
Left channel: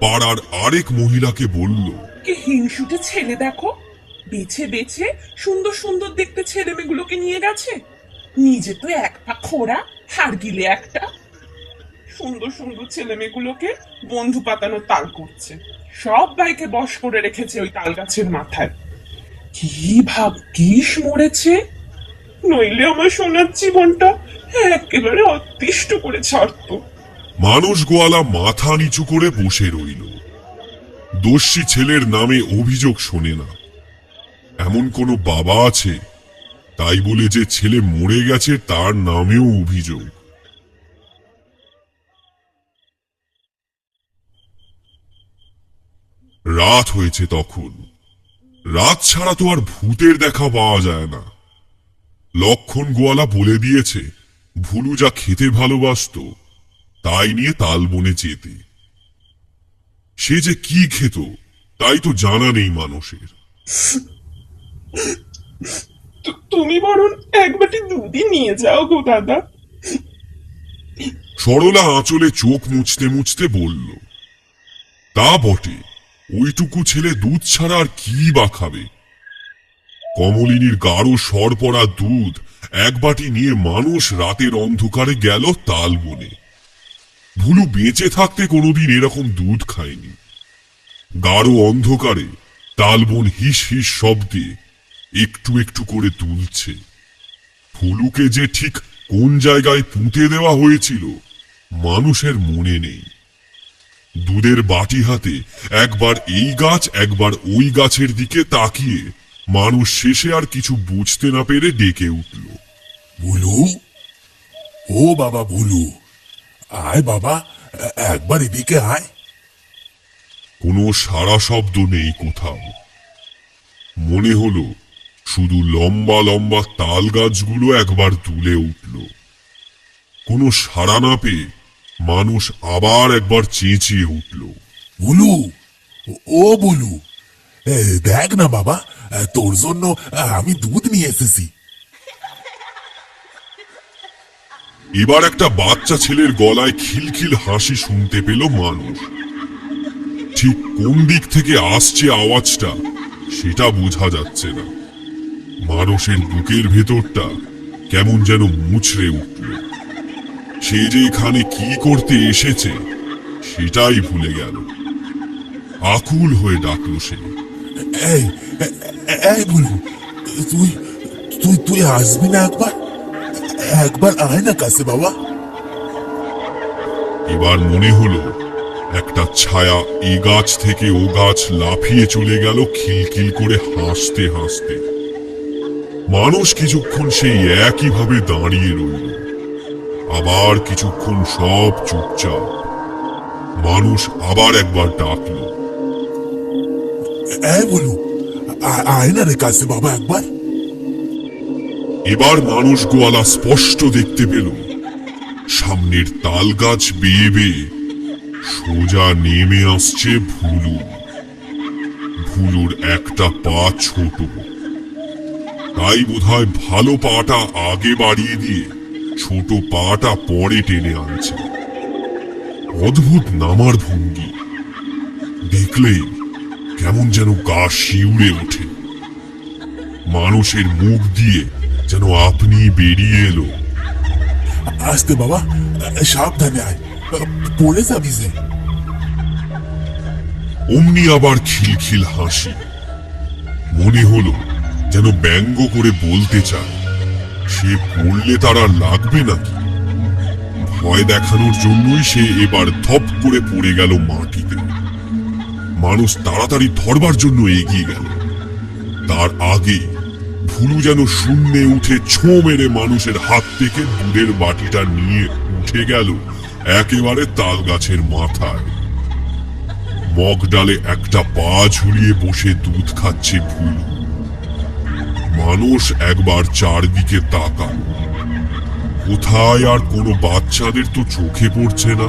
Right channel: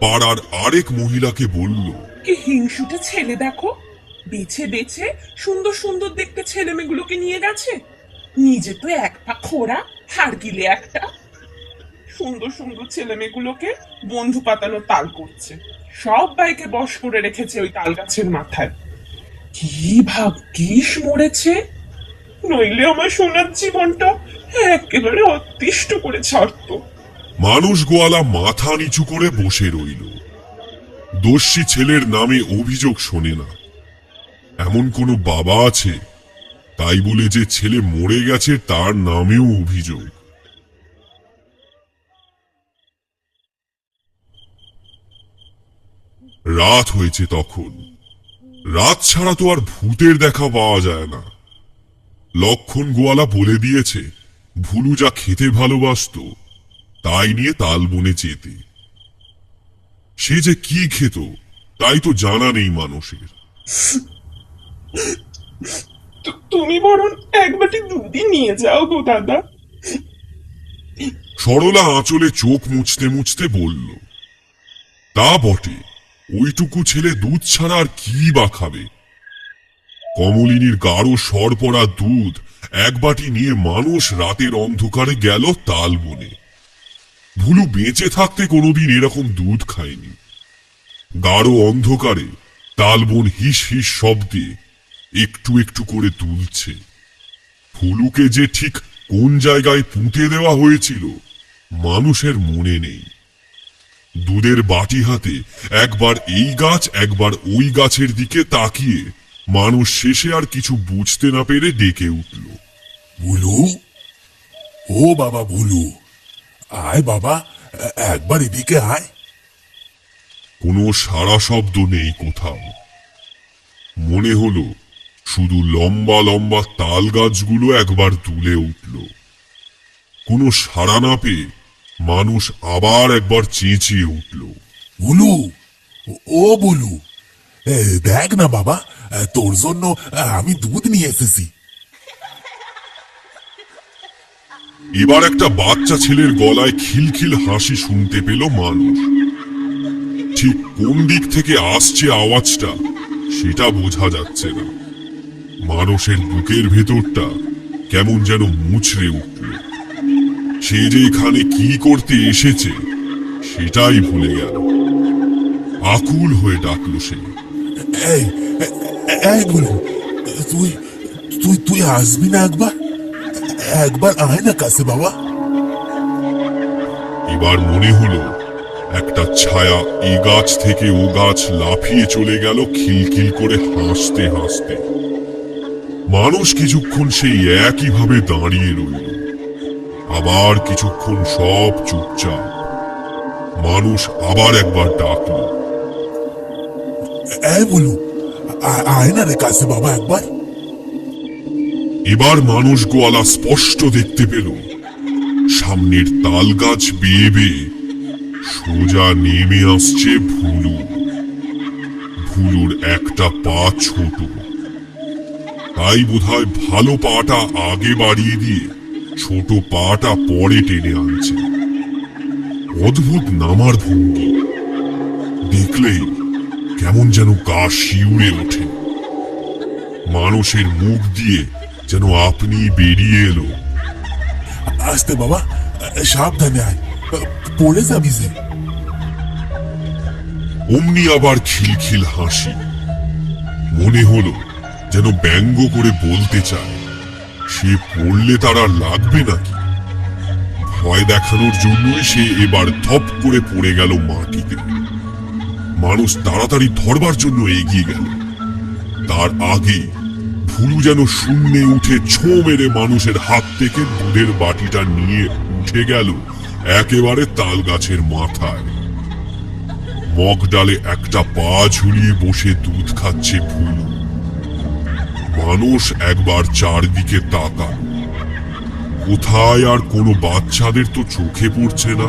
পাড়ার আরেক মহিলাকে বলল, কি হিংসুটে ছেলে দেখো, বেছে বেছে সুন্দর সুন্দর দেখতে ছেলে মেয়েগুলোকে নিয়ে গেছে। নিজে তো এক পা খোড়া, হাড় গিলে একটা। সুন্দর সুন্দর ছেলে মেয়েগুলোকে বন্ধু পাতানো তাল করছে, সব বাইকে বশ করে রেখেছে ওই তাল গাছের মাথায়। কি ভাগ্যিস মরেছে, নইলে আমার সোনার জীবনটা একেবারে অতিষ্ঠ করে ছাড়তো। মানুষ গোয়ালা মাথা নিচু করে বসে রইল। দোষী ছেলের নামে অভিযোগ শোনে না। এমন কোন বাবা আছে তাই বলে যে ছেলে মরে গেছে তার নামেও অভিযোগ? রাত হয়েছে তখন। রাত ছাড়া তো আর ভূতের দেখা পাওয়া যায় না। লক্ষণ গোয়ালা বলে দিয়েছে ভুলু যা খেতে ভালোবাসতো তাই নিয়ে তালবনে যেতে। সে যে কি খেত তাই তো জানা নেই মানুষের। তুমি বরং এক বাটি দুধই নিয়ে যাও গো দাদা। সরলা আঁচলে চোখ মুছতে মুছতে বলল, তা বটে, ওইটুকু ছেলে দুধ ছাড়া আর কি বা খাবে? কমলিনীর গাঢ় সর পড়া দুধ এক বাটি নিয়ে মানুষ রাতের অন্ধকারে গেল তালবনে। ভুলু বেঁচে থাকতে কোনোদিন এরকম দুধ খায়নি। গাঢ় অন্ধকারে তালবন হিস হিস শব্দে একটু একটু করে দুলছে। ভুলুকে যে ঠিক কোন জায়গায় পুঁতে দেওয়া হয়েছিল মানুষের মনে নেই। দুধের বাটি হাতে একবার এই গাছ একবার ওই গাছের দিকে তাকিয়ে মানুষ শেষে আর কিছু বুঝতে না পেরে ডেকে উঠল, ভুলু, ও বাবা ভুলু, আয় বাবা, একবার এদিকে আয়। কোনো সাড়া শব্দ নেই কোথাও। মনে হলো শুধু লম্বা লম্বা তাল গাছগুলো একবার দুলে উঠল। কোনো সাড়া না পেয়ে মানুষ আবার একবার চেঁচিয়ে উঠল। বলু, ও বলু, দেখ না বাবা, তোর জন্য আমি দুধ নিয়ে এসেছি। এবার একটা বাচ্চা ছেলের গলায় খিলখিল হাসি শুনতে পেল মানুষ। ঠিক কোন দিক থেকে আসছে আওয়াজটা সেটা বোঝা যাচ্ছে না। মানুষের বুকের ভেতরটা কেমন যেন মুচড়ে উঠল। সে যে এখানে কি করতে এসেছে সেটাই ভুলে গেল। আকুল হয়ে ডাকলো সে। এই বলু, তুই তুই তুই আসবি না একবার? একবার আয় না কাছে বাবা। এবার মনে হলো একটা ছায়া এই গাছ থেকে ও গাছ লাফিয়ে চলে গেল খিলখিল করে হাসতে হাসতে। মানুষ কিছুক্ষণ সেই একইভাবে দাঁড়িয়ে রইল। আবার কিছুক্ষণ সব চুপচাপ। মানুষ আবার একবার ডাকলো। এই বলু, আয় না রে কাছে বাবা একবার। এবার মানুষ গোয়ালা স্পষ্ট দেখতে পেল সামনের তাল গাছ বেয়ে বেয়ে সোজা নেমে আসছে ভুলু। ভুলুর একটা পা ছোট, তাই বোধহয় ভালো পাটা আগে বাড়িয়ে দিয়ে ছোট পাটা পরে টেনে আনছে। অদ্ভুত নামার ভঙ্গি, দেখলেই কেমন যেন গা শিউরে ওঠে। মানুষের মুখ দিয়ে যেন আপনি বেরিয়ে এলো। আসতে বাবা, সাবধানে আয়, পড়ে যাবি যে। অমনি আবার খিলখিল হাসি। মনে হলো যেন ব্যঙ্গ করে বলতে চায়, সে পড়লে তার আর লাগবে নাকি। ভয় দেখানোর জন্যই সে এবার ধপ করে পড়ে গেল মাটিতে। মানুষ তাড়াতাড়ি ধরবার জন্য এগিয়ে গেল। তার আগে ভুলু যেন শূন্যে উঠে ছো মেরে মানুষের হাত থেকে দুধের বাটিটা নিয়ে উঠে গেল একেবারে তাল গাছের মাথায়। মগ ডালে একটা পা ঝুলিয়ে বসে দুধ খাচ্ছে ভুলু। মানুষ একবার চারদিকে তাকাল। কোথায় আর কোনো বাচ্চাদের তো চোখে পড়ছে না।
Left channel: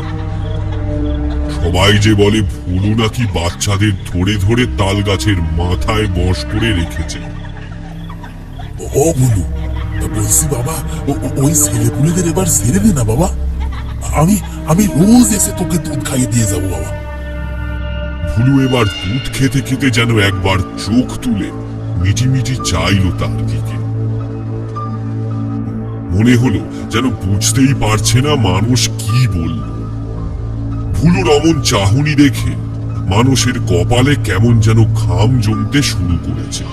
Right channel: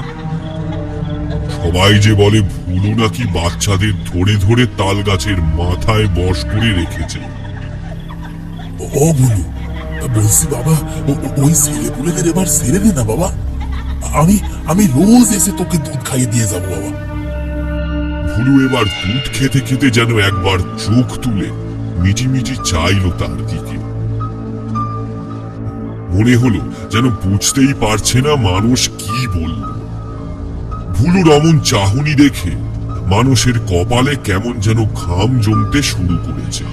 সবাই যে বলে ভুলু নাকি বাচ্চাদের ধরে ধরে তাল গাছের মাথায় বশ করে রেখেছে। ও বলু, বলছি বাবা, ওই ছেলেপুলেদের এবার ছেড়ে দে না বাবা। আমি রোজ এসে তোকে দুধ খাইয়ে দিয়ে যাবো বাবা। ভুলু এবার দুধ খেতে খেতে যেন একবার চোখ তুলে মিটিমিটি চাইলো তার দিকে। মনে হলো যেন বুঝতেই পারছে না মানুষ কি বলল। ভুলুর অমন চাহনি দেখে মানুষের কপালে কেমন যেন ঘাম জমতে শুরু করেছে।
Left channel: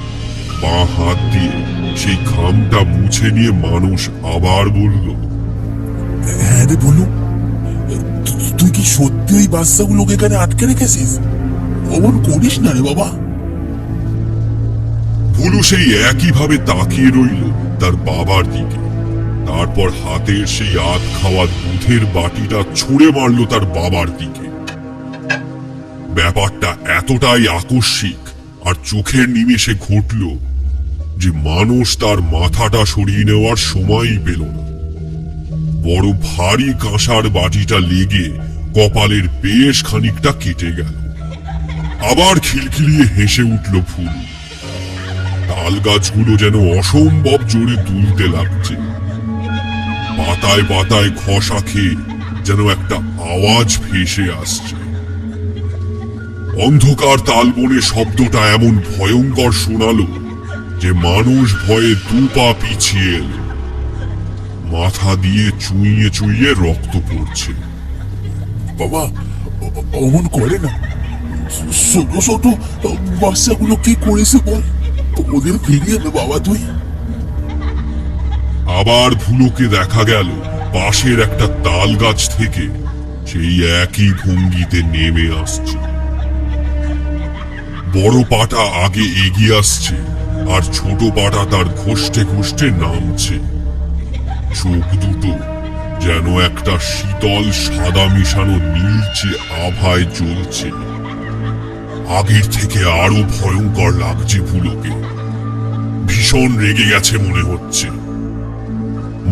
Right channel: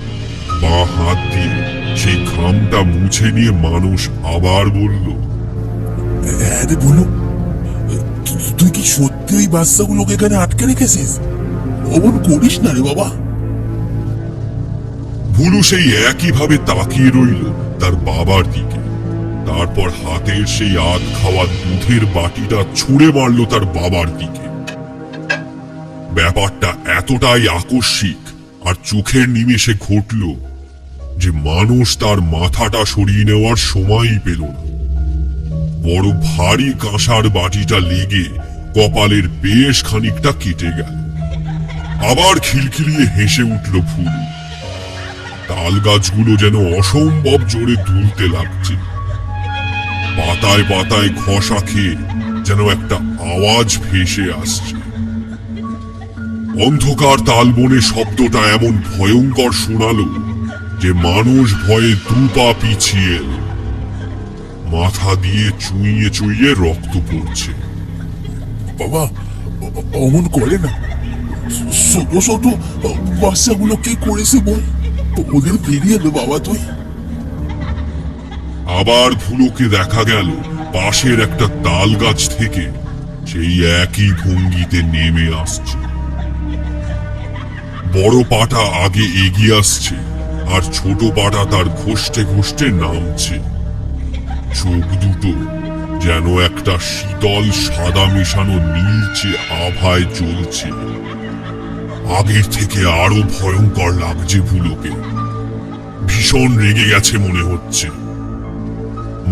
বাঁ হাত দিয়ে সেই ঘামটা মুছে নিয়ে মানুষ আবার বলল, হ্যাঁ রে বলু, তুই কি সত্যি ওই বাচ্চাগুলোকে এখানে আটকে রেখেছিস? অমন করিস না রে বাবা। ভুলু সেই একইভাবে তাকিয়ে রইল তার বাবার দিকে। তারপর হাতের সেই আধ খাওয়া দুধের বাটিটা ছুঁড়ে মারল তার বাবার দিকে। ব্যাপারটা এতটাই আকস্মিক আর চোখের নিমেষে ঘটল যে মানুষ তার মাথাটা সরিয়ে নেওয়ার সময়ই পেল না। বড় ভারী কাঁসার বাটিটা লেগে কপালের বেশ খানিকটা কেটে গেল। আবার খিলখিলিয়ে হেসে উঠল ভুলু। তাল গাছগুলো যেন অসম্ভব জোরে দুলতে লাগছে। পাতায় পাতায় খসা খেয়ে যেন একটা আওয়াজ ভেসে আসছে। অন্ধকার তালবনে শব্দটা এমন ভয়ঙ্কর শোনালো যে মানুষ ভয়ে দুপা পিছিয়ে এলো। মাথা দিয়ে চুইয়ে চুইয়ে রক্ত পড়ছে। বাবা, অমন করে না। ছোট ছোট বাচ্চাগুলো কি করেছে বল, ওদের ফিরিয়ে দে বাবা তুই। আবার ভুলুকে দেখা গেল পাশের একটা তাল গাছ থেকে সেই একই ভঙ্গিতে নেমে আসছে। বড় পাটা আগে এগিয়ে আসছে আর ছোট পাটা তার ঘষ্টে ঘষ্টে নামছে। চোখ দুটো যেন একটা শীতল সাদা মিশানো নীলচে আভায় জ্বলছে। আগের থেকে আরো ভয়ঙ্কর লাগছে ভুলোকে। ভীষণ রেগে গেছে মনে হচ্ছে।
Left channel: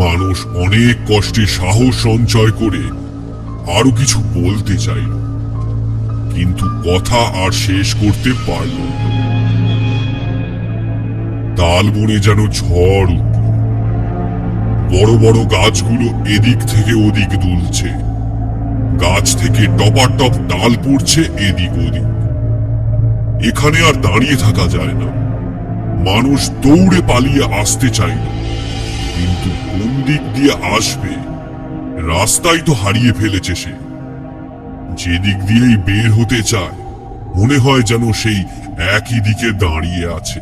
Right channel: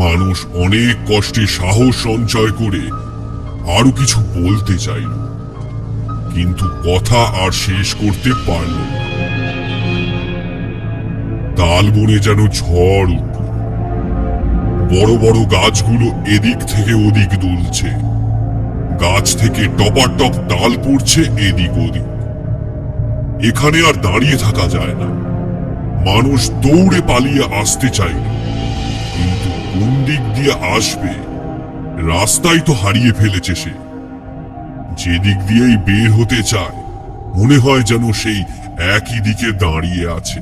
মানুষ অনেক কষ্টে সাহস সঞ্চয় করে আরো কিছু বলতে চাইল, কিন্তু কথা আর শেষ করতে পারল না। তালবনে যেন ঝড় উঠল। বড় বড় গাছগুলো এদিক থেকে ওদিক দুলছে। গাছ থেকে টপাটপ ডাল পড়ছে এদিক ওদিক। এখানে আর দাঁড়িয়ে থাকা যায় না। মানুষ দৌড়ে পালিয়ে আসতে চাইল, কিন্তু কোন দিক দিয়ে আসবে? রাস্তায় তো হারিয়ে ফেলেছে সে। যেদিক দিয়েই বের হতে চায়, মনে হয় যেন সেই একই দিকে দাঁড়িয়ে আছে।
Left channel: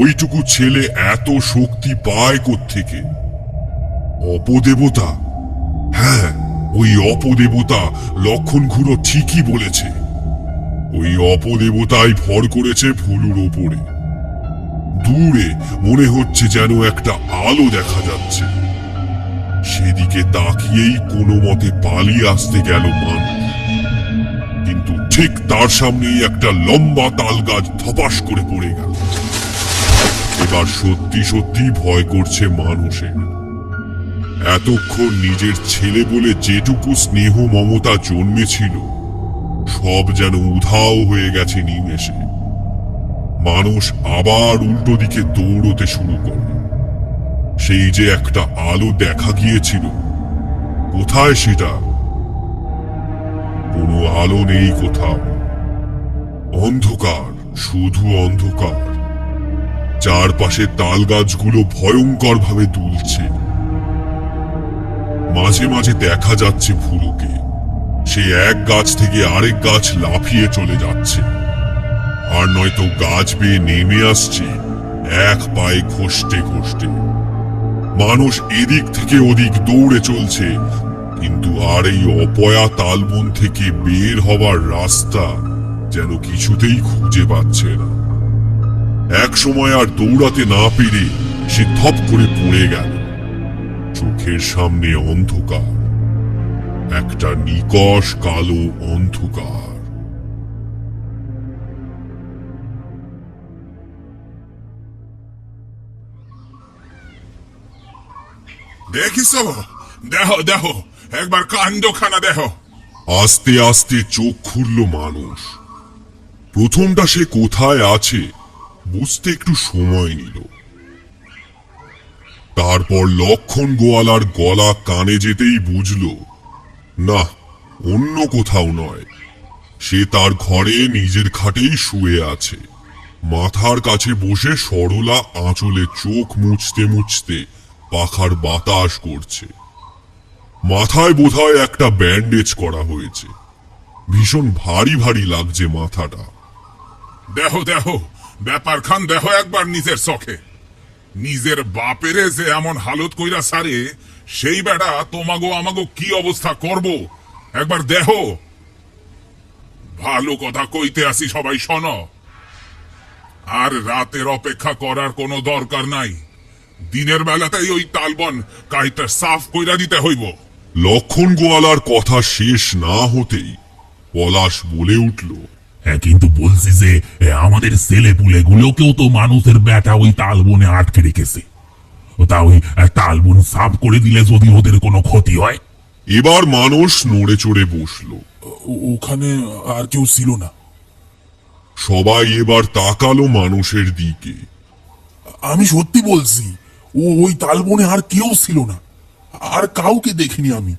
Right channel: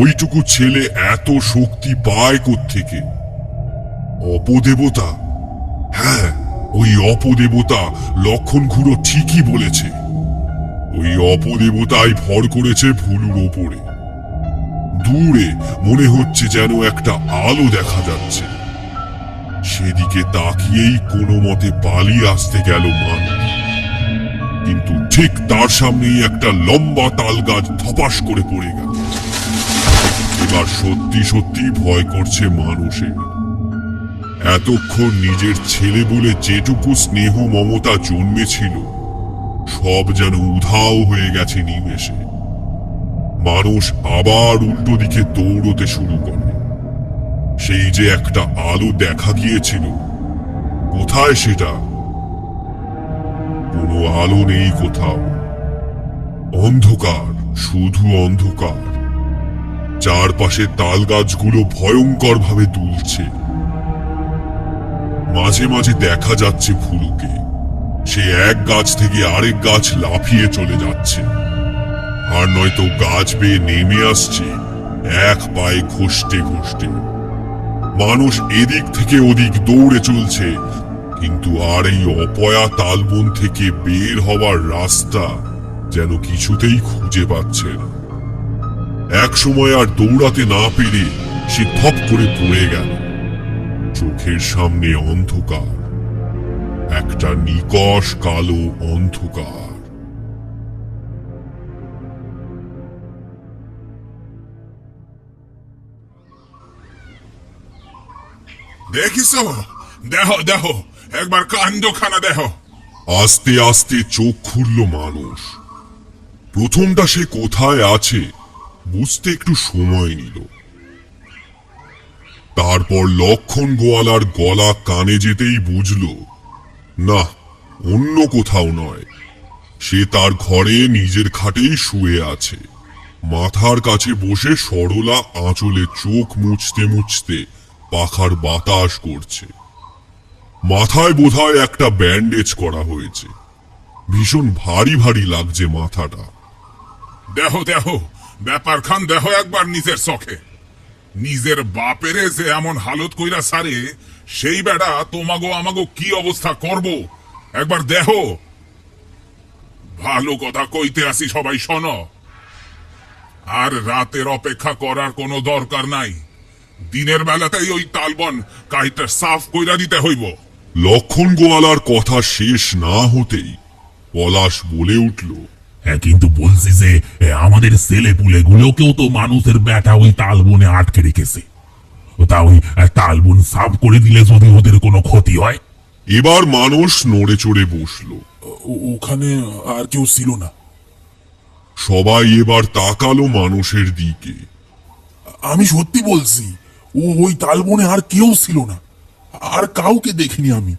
ওইটুকু ছেলে এত শক্তি পায় কোত্থেকে? অপদেবতা? হ্যাঁ, ওই অপদেবতা লক্ষণ খুড়ো ঠিকই বলেছে। ওই অপদেবতাই ভর করেছে ভুলুর ওপরে। দূরে মনে হচ্ছে যেন একটা আলো দেখা যাচ্ছে। সেদিকে তাকিয়েই কোনো মতে পালিয়ে আসতে গেল মানুষ, কিন্তু ঠিক তার সামনেই একটা লম্বা তাল গাছ ধপাস করে পড়ে গেল। এবার সত্যি সত্যি ভয় করছে মানুষের। এতক্ষণ নিজের ছেলে বলে যেটুকু স্নেহ মমতা জন্মেছিল, সব যেন উধাও হয়ে গেছে নিমেষে। মানুষ আবার উল্টো দিকে দৌড়তে শুরু করে। সেই যে একটা আলো দেখা গিয়েছিল, কোথায় সেটা? কোনো আলো নেই কোথাও। অন্ধকার, শুধু অন্ধকার। চারপাশে তাল গাছগুলো ভয়ঙ্কর ভাবে দুলছে। মাঝে মাঝে দেখা যাচ্ছে ভুলুকে। সে এক গাছ থেকে আরেক গাছ লাফিয়ে চলে যাচ্ছে, আর নয়তো গাছ বেয়ে নেমে আসছে এক পায়ে খসতে খসতে। মানুষ এদিক থেকে ওদিক দৌড়ে চলছে, কিন্তু আর এই অপয়া তালবন থেকে বের হবার রাস্তা যেন কিছুতেই খুঁজে পাচ্ছে না। এক সময় আর দৌড়াতে না পেরে সে থপ করে পড়ে গেল। চোখের সামনে অন্ধকার, একটা নিকষ কালো অন্ধকার। দেখিস? দেখো দেখো, একবার কাণ্ডখানা দেখো। আস্তে আস্তে চোখ খুলল মানুষ। প্রথমটা সে কোথায় আছে বুঝতে একটু সময় নিল। তারপর লক্ষণ গোয়ালার গলা কানে যেতেই বুঝল, না, অন্য কোথাও নয়। সে তার ঘরে নিজের খাটেই শুয়ে আছে। মাথার কাছে বসে সরলা আঁচলে চোখ মুছতে মুছতে পাখার বাতাস করছে। মাথায় বোধহয় একটা ব্যান্ডেজ করা হয়েছে। ভীষণ ভারী ভারী লাগছে মাথাটা। দেখো দেখো, ব্যাপার খান দেখো একবার নিজের চোখে। নিজের বাপেরে যে এমন হালত কইরা সারে, সেই বেড়া তোমাগো আমাগো কি অবস্থা করব একবার দেখো। ভালো কথা কইতে আসি, সবাই শোনো। আর রাতের অপেক্ষা করার কোনো দরকার নাই। দিনের বেলাতেই ওই তালবন কাইটা সাফ কইরা দিতে হইব। লক্ষণ গোয়ালার কথা শেষ না হতেই পলাশ বলে উঠল, হ্যাঁ, কিন্তু বলছি যে আমাদের ছেলে পুলে গুলোকেও তো মানুষের বেটা ওই তালবনে আটকে রেখেছে। তা ওই তালবন সাফ করে দিলে যদি ওদের কোনো ক্ষতি হয়? এবার মানুষ নড়ে চড়ে বসল। ওখানে আর কেউ ছিল না। সবাই এবার তাকালো মানুষের দিকে। আমি সত্যি বলছি, ওই তালবনে আর কেউ ছিল না। আর কাউকে দেখিনি আমি।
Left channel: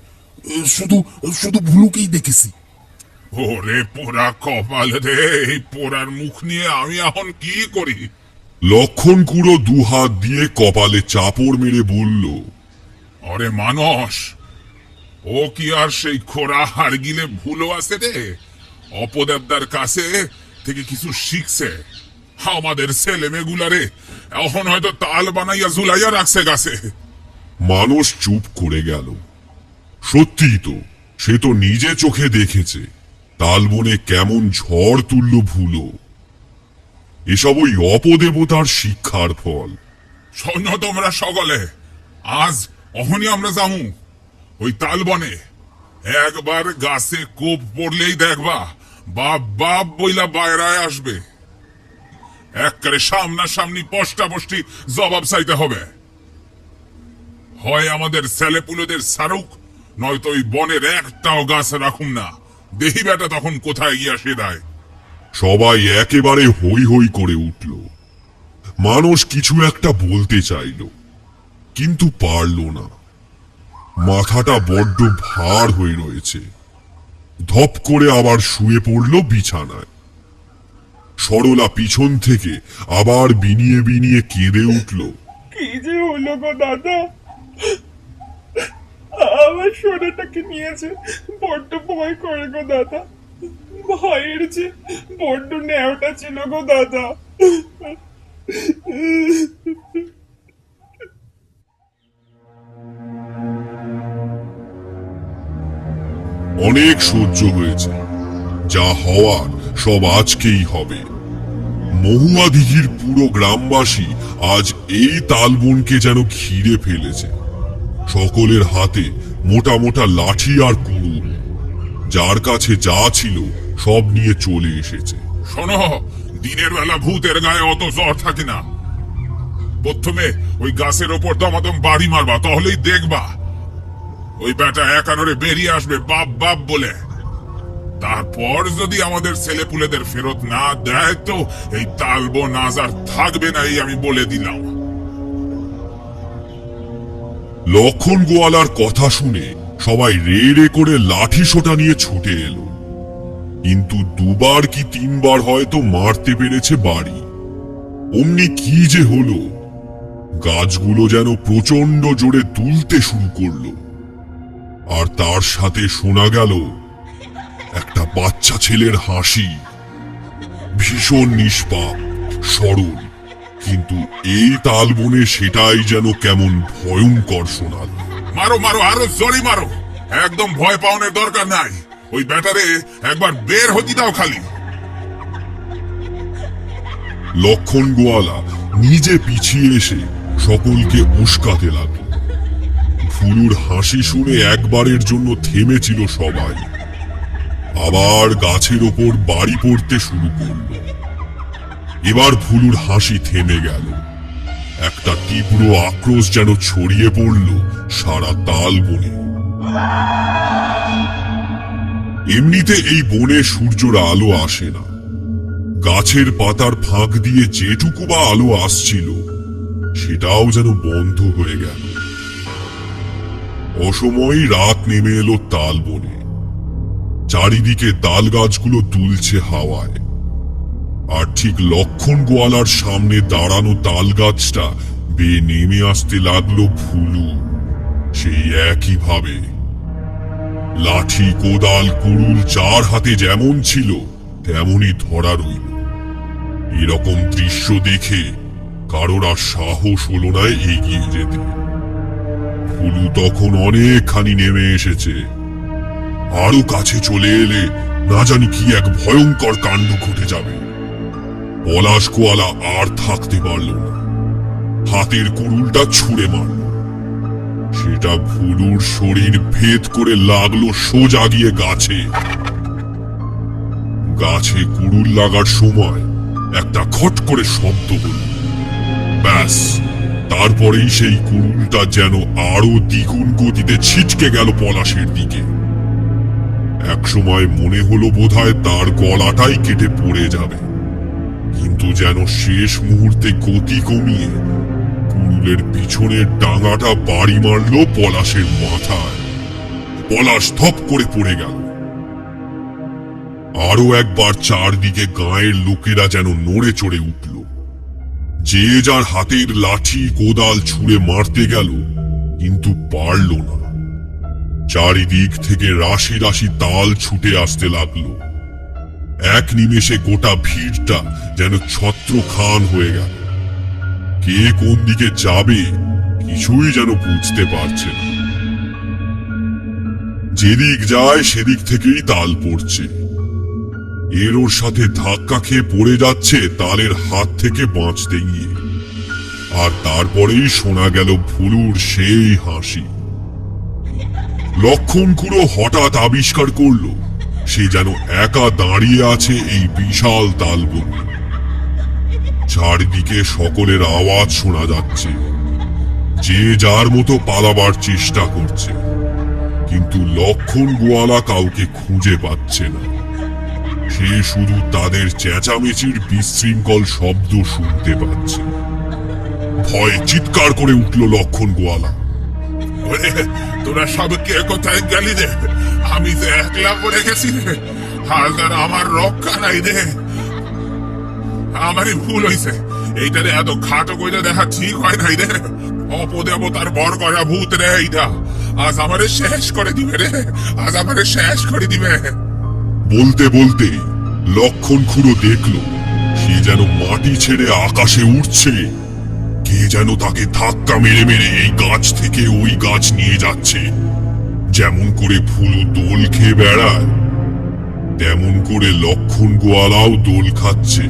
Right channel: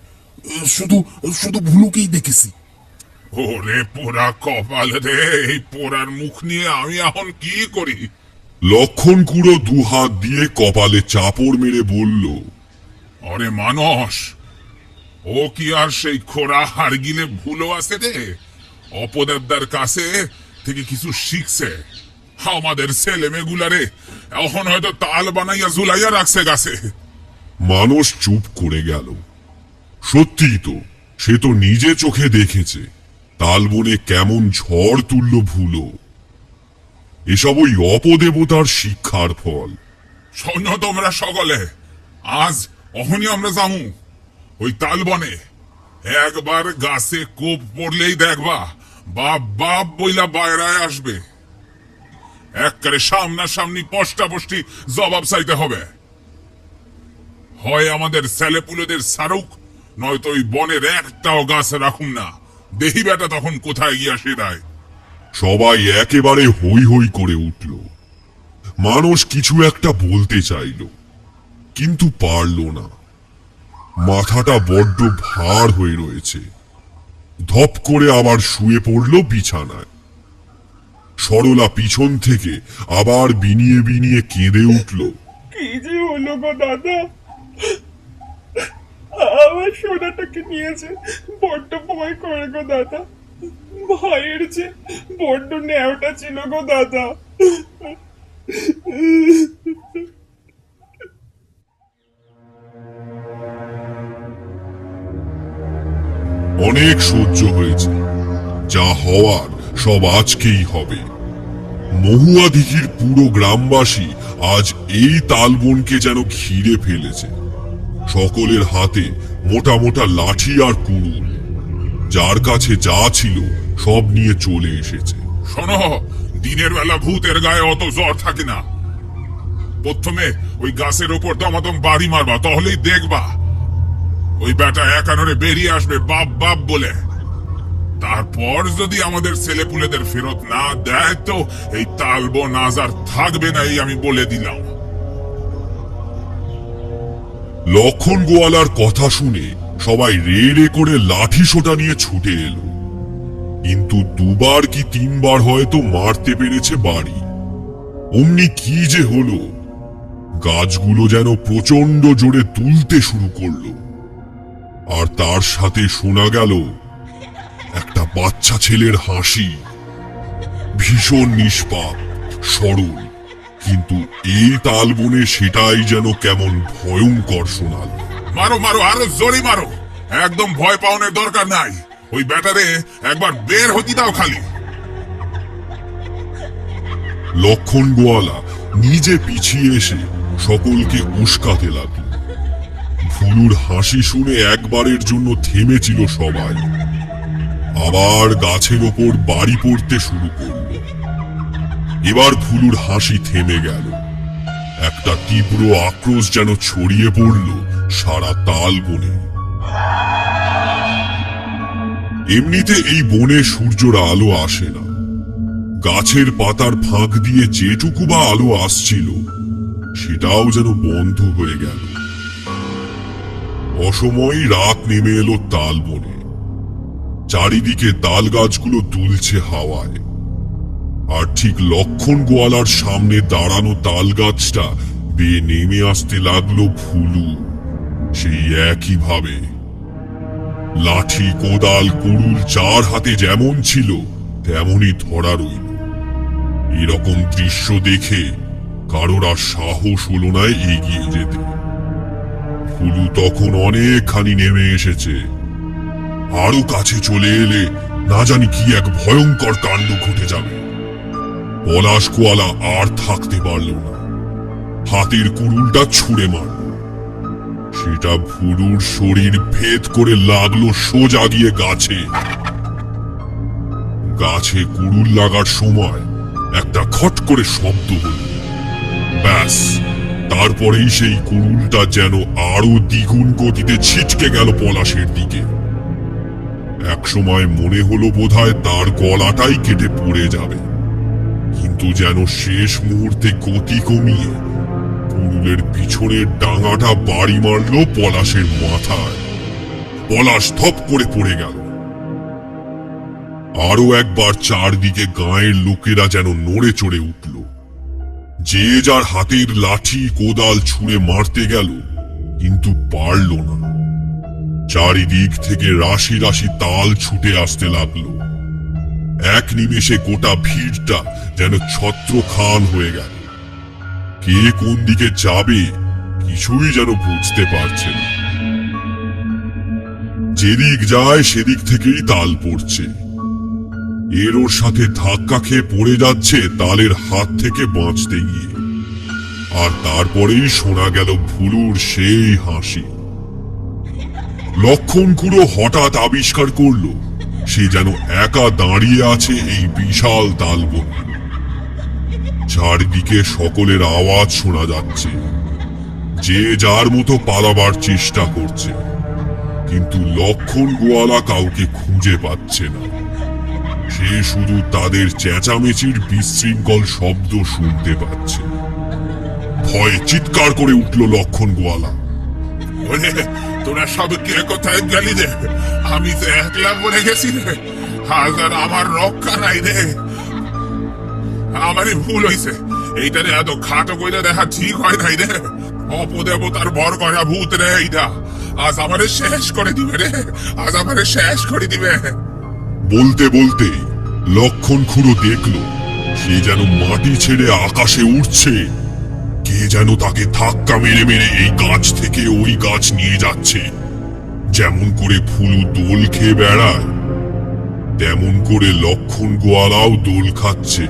শুধু শুধু ভুলুকেই দেখেছি। ওরে পোড়া কপাল রে, এই পোড়ার মুখ নিয়ে আমি এখন কি করি? লক্ষণ কুড়ো দুহাত দিয়ে কপালে চাপড় মেরে বলল, ওরে মানস, ও কি আর সেই খোড়া হাড়গিলে ভুলো আছে রে? অপদেবদার কাছে থেকে কিছু শিখছে। আমাদের ছেলে মেয়েগুলারে এখন হয়তো তাল বানাইয়া ঝুলাইয়া রাখছে গাছে। মানুষ চুপ করে গেল। সত্যি তো, সে তো নিজে চোখে দেখেছে তালবনে কেমন ঝড় তুলল ভুলো। এসব ওই অপদেবতার শিক্ষার ফল। শোনো তোমরা সকলে, আজ অহনি আমরা যামু ওই তালবনে। একবার গাছে কোপ পড়লেই দেখবা বাপ বাপ বইলা বাইরায় আসবে। একবারে সামনাসামনি পষ্টাপষ্টি জবাব চাইতে হবে। হয় আমাদের ছেলেপুলেদের সারুক, নয়তো ওই বনের একটাও গাছ রাখুন না। দেখি বেটা তখন কোথায় গিয়া সেদায়। সবাই একেবারে হই হই করে উঠল। মানুষ কিছু একটা বলতে চাইল, কিন্তু পারল না। মাথাটা বড্ড ভার হয়ে রয়েছে। ধপ করে আবার শুয়ে পড়ল বিছানায়। সরলা পিছন থেকে আবার বিনিয়ে বিনিয়ে কেঁদে উঠল। কি যে হলো গো দাদা, আমার সোনাটাকে নিয়েছে, বড্ড ভয় করে গো দাদা। ভয়ের যে বড্ড ন্যাওটা ছিল গো দাদা। অনেক সহ্য হয়েছে, যা হওয়ার সব আজকেই হবে। মহুয়া দিঘির পুরো গ্রামবাসী আজ এই তালবনকে যেন ঘিরে ফেলেছে। সকলের হাতে মোটা মোটা লাঠি আর কুড়ুল। যার কাছে যা ছিল সব নিয়ে চলে এসেছে। শোনো, দিনের বেলা ভূতের গায়ে অত জ্বর থাকে না। প্রথমে ওই গাছের ওপর দমাদম বাড়ি মারবা, তাহলেই দেখবা ওই বেটা একানরে বেরিয়ে আসবে বাপ বাপ বলে। তারপর যদি আমাদের ছেলেপুলেদের ফেরত না দেয়, তো এই তালবন আজ আর থাকবে না, এই আমি বলে দিলাম। লক্ষণ গোয়ালার কথা শুনে সবাই রে রে করে লাঠি সোটা নিয়ে ছুটে এলো। কিন্তু দুবার কি তিনবার হয়তো মারতে পেরেছে বাড়ি। অমনি কি যে হলো, গাছগুলো যেন প্রচন্ড জোরে দুলতে শুরু করলো। আর তার সাথে শোনা গেল একটা বাচ্চা ছেলের হাসি। ভীষণ নিষ্পাপ, সরল, কিন্তু এই তালবনে সেটাই যেন কেমন ভয়ঙ্কর শোনাল। মারো মারো, আরো জোরে মারো। একদম ভয় পাওনের দরকার নাই। ওই ব্যাটারে একবার বের হতে দাও খালি। লক্ষণ গোয়ালা নিজে পিছিয়ে এসে সকলকে উস্কাতে লাগল। ফুলুর হাসি শুনে একবারের জন্য থেমেছিল সবাই। আবার গাছের ওপর বাড়ি পড়তে শুরু করল। এবার ফুলুর হাসি থেমে গেল। একটা তীব্র আক্রোশ যেন ছড়িয়ে পড়ল সারা তালবনে। এমনিতে এই বনে সূর্যের আলো আসে না। গাছের পাতার ফাঁক দিয়ে যেটুকু বা আলো আসছিল, সেটাও যেন বন্ধ হয়ে গেল। অসময়ই রাত নেমে এলো তালবনে। চারিদিকে তাল গাছগুলো দুলছে হাওয়ায়। আর ঠিক লক্ষণ গোয়ালার সামনে দাঁড়ানো তাল গাছটা বেয়ে নেমে আসতে লাগলো ফুলু, সেই একই ভাবে। লাঠি, কোদাল, কুড়ুল যার হাতে যেমন ছিল তেমনই ধরা রইল। এরকম দৃশ্য দেখে কারোর আর সাহস হলো না এগিয়ে যেতে। ফুলু তখন অনেকখানি নেমে এসেছে। আরো কাছে চলে এলে না জানি কি এক ভয়ঙ্কর কাণ্ড ঘটে যাবে। পলাশ গোয়ালা আর থাকতে পারল না, হাতের কুড়ুলটা ছুঁড়ে মারল। সেটা ফুলুর শরীর ভেদ করে লাগলো সোজা গিয়ে গাছে। গাছে কুড়ুল লাগার সময় একটা খট করে শব্দ হল। ব্যাস, তারপরেই সেই কুড়ুলটা যেন আরো দ্বিগুণ গতিতে ছিটকে গেল পলাশের দিকে। একসময় মনে হলো বোধহয় তার গলাটাই কেটে পড়ে যাবে, কিন্তু যেন শেষ মুহূর্তে গতি কমিয়ে কুড়ুলের পিছনের ডাঙাটা বাড়ি মারল পলাশের মাথায়। পলাশ থপ করে পড়ে গেল। আরো একবার চারদিকে গাঁয়ের লোকেরা যেন নড়ে চড়ে উঠল। যে যার হাতের লাঠি, কোদাল ছুঁড়ে মারতে গেল, কিন্তু পারল না। চারিদিক থেকে রাশি রাশি তাল ছুটে আসতে লাগলো। এক নিমেষে গোটা ভিড়টা যেন ছত্রখান হয়ে গেল। কে কোন দিকে যাবে কিছুই যেন বুঝতে পারছে না। যেদিক যায় সেদিক থেকেই তাল পড়ছে। এর ওর সাথে ধাক্কা খেয়ে পড়ে যাচ্ছে তালের হাত থেকে বাঁচতে গিয়ে। আর তারপরেই শোনা গেল ফুলুর সেই হাসি। লক্ষণ খুড়ো হঠাৎ আবিষ্কার করলো সে যেন একা দাঁড়িয়ে আছে এই বিশাল তালবনে। চারদিকে সকলের আওয়াজ শোনা যাচ্ছে, যে যার মতো পালাবার চেষ্টা করছে, কিন্তু লক্ষণ গোয়ালা কাউকে খুঁজে পাচ্ছে না। সে শুধু তাদের চেঁচামেচির বিশৃঙ্খল শব্দ শুনতে পাচ্ছে। ভয়ে চিৎকার করে উঠল লক্ষণ গোয়ালা। ওরে, তোরা সব কে কোথায় গেলি রে? আমি তো একলা পড়ে গেছি রে। হালদার, আমার রক্ষা নাই রে। আমারই ভুল হইছে, এইটারে এত খাটো কইরে দেখা ঠিক হয় নাই রে। অপদেবতার বর করা ভূত রে এইটা। আজ আমারে শেষ করে দিবে রে, আজ আমারে শেষ করে দিবে। বলতে বলতেই লক্ষণ খুঁড়ো দেখল সে যেন মাটি ছেড়ে আকাশে উঠছে। কে যেন তাকে ধাক্কা মেরে মেরে এই গাছ থেকে ওই গাছ নিয়ে যাচ্ছে। যেমন করে ফুলু দোল খেয়ে বেড়ায়, তেমন করে লক্ষণ গোয়ালাও দোল খাচ্ছে,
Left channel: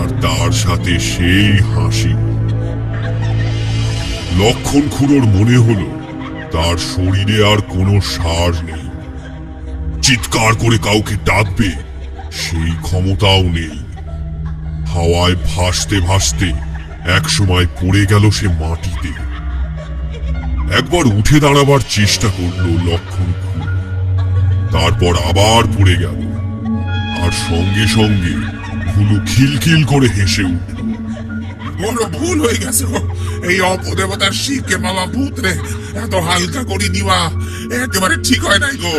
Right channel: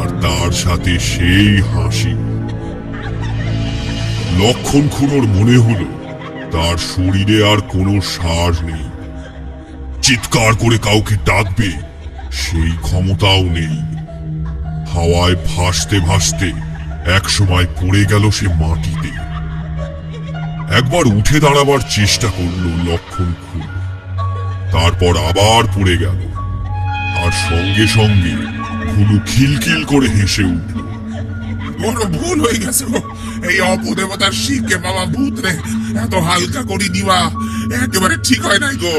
আর তার সাথে সেই হাসি। লক্ষণ খুঁড়োর মনে হলো তার শরীরে আর কোনো সার নেই। চিৎকার করে কাউকে ডাকবে সেই ক্ষমতাও নেই। হাওয়ায় ভাসতে ভাসতে একসময় পড়ে গেল সে মাটিতে। একবার উঠে দাঁড়াবার চেষ্টা করলো লক্ষণ খুঁড়ো, তারপর আবার পড়ে গেল। আর সঙ্গে সঙ্গে ফুলু খিলখিল করে হেসে উঠল। বড় ভুল হয়ে গেছে গো। এই অপদেবতার শিখে পাওয়া ভূত রে এত হালকা করে দিবা একেবারে ঠিক হয় নাই গো।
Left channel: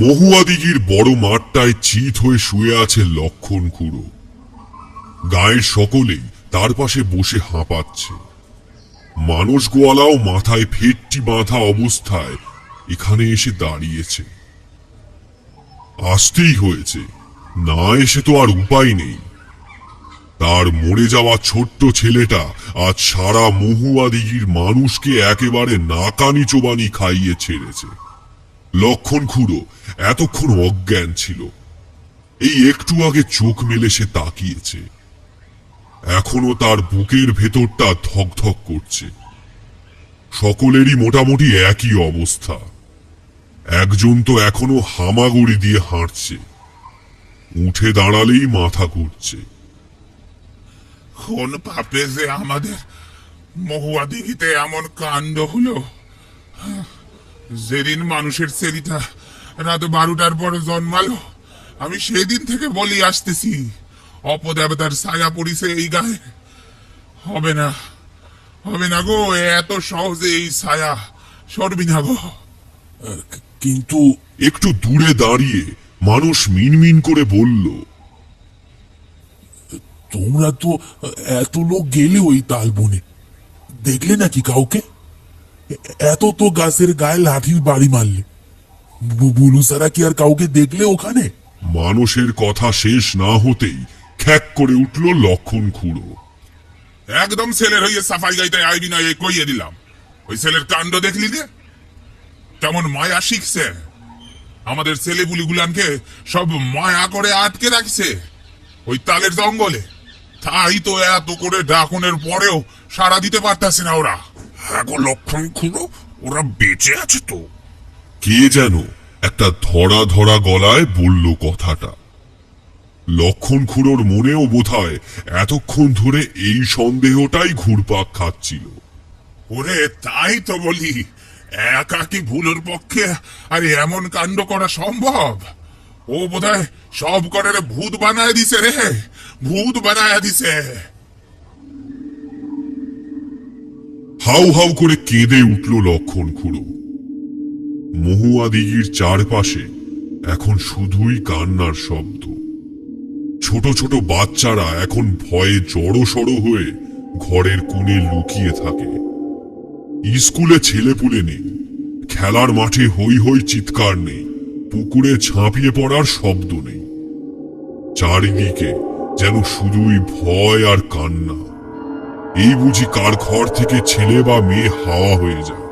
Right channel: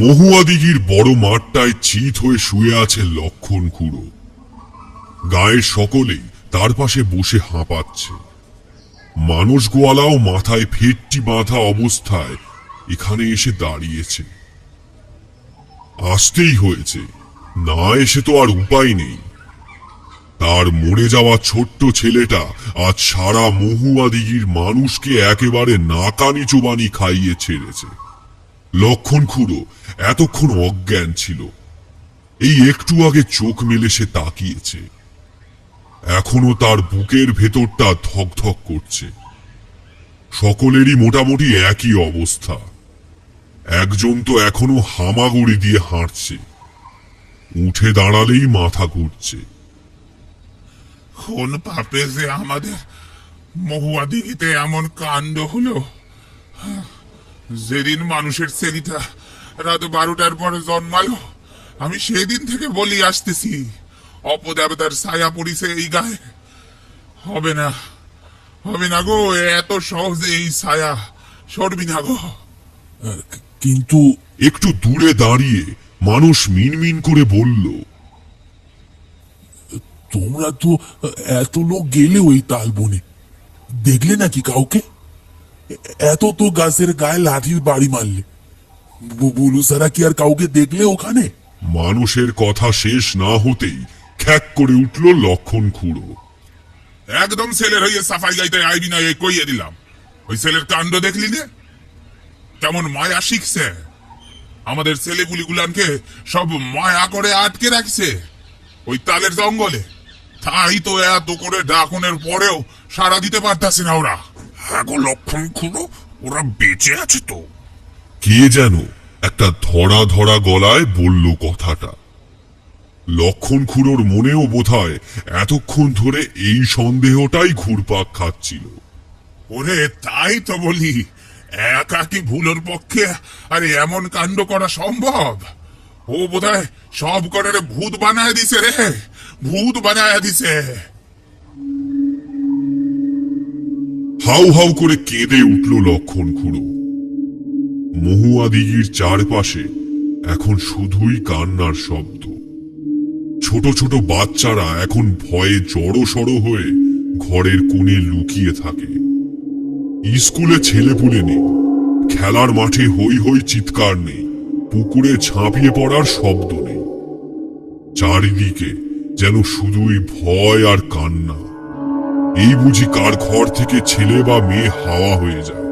মহুয়া দিঘির বড় মাঠটায় চিত হয়ে শুয়ে আছে লক্ষণ খুঁড়ো। গায়ের সকলেই তার পাশে বসে হাঁপাচ্ছে। মানস গোয়ালাও মাথায় ফেটটি বাঁধা অবস্থায় এখানে এসে দাঁড়িয়েছে। আসতেই হয়েছে, না এসে তো আর উপায় নেই। তার মরে যাওয়া ছোট্ট ছেলেটা আজ সারা মহুয়া দিঘির মানুষকে একেবারে নাকানি চোবানি খাইয়ে ছেড়েছে। লক্ষণ খুঁড়ো এতক্ষণ অজ্ঞান ছিল, এই একটু আগে চোখ মেলে সে তাকিয়েছে। এখনো তার বুকের ভেতরটা ধকধক করছে। সকলেরই মোটামুটি একই অবস্থা। একজন তো এখনো হামাগুড়ি দিয়ে হাঁটছে, উঠে দাঁড়ালেই মাথা ঘুরছে। কোন পাপে যে আমাদের মহুয়া দিঘিতে এমন কাণ্ড হলো। যেদিন মানুষের ছেলেটা রাত 12টার পর জন্মালো, আমি সেদিন থেকে বলি আসতেছি অপদেবতার ছায়া পড়িছে এই গায়ে। হবে না, হবে না গো, এত সহজে এই ছায়া সরবি না গো। কিন্তু একটু দূরে দাঁড়িয়ে মানুষ মিনমিন করে বলল, তোমরা তো এত লোক গেলে ওই তালবনে, দেখলে নাকি কাউকে? এত তো গাছের গায়ে লাঠির বাড়ি মারলে, বুলু সারা কি আর কাউকে দেখলে ওখানে? মানুষের কথা শেষ না হতেই খ্যাক করে উঠল লক্ষণ খুঁড়ো। একদম ছেলের হইয়ে সাফাই গাইতে আইবি না, এই কইয়ে দিলাম। ওই ছেলের কাণ্ড দেখলি নে, কেমন মায়া শিখছে। আমাদের ছেলেপুলিগুলানকে সব মায়া করে আটকে রাখছে ওই তালের জঙ্গলে। তাই তো এত করে ডাকনের পরেও সাড়া দিতে পারতাছে না ওরা। হ্যাঁ গো লক্ষণ খুঁড়ো, ওরা বেঁচে আছে তো। কে যেন একটা ধরা ধরা গলায় বলল কথাটা। লক্ষণ খুঁড়োর মনেও বোধহয় এতক্ষণ ধরে এই সন্দেহটাই ঘুরপাক খাচ্ছিল। ওরে তাই তো বলি, একা কি ভুলের পক্ষে আর এমন কাণ্ড করা সম্ভব? ও বোধহয় সব করে ভূত বানায় দিছে রে, ভূত বানায় দিছে। হাউ হাউ করে কেঁদে উঠল লক্ষণ খুঁড়ো। মহুয়া দিঘির চারপাশে এখন শুধুই কান্নার শব্দ। ছোট ছোট বাচ্চারা এখন ভয়ে জড়সড় হয়ে ঘরের কোণে লুকিয়ে থাকে। স্কুলে ছেলেপুলে নেই, খেলার মাঠে হই হই চিৎকার নেই, পুকুরে ঝাঁপিয়ে পড়ার শব্দ নেই। চারিদিকে যেন শুধুই ভয় আর কান্না। এই বুঝি কার ঘর থেকে ছেলে বা মেয়ে হাওয়া হয়ে যায়।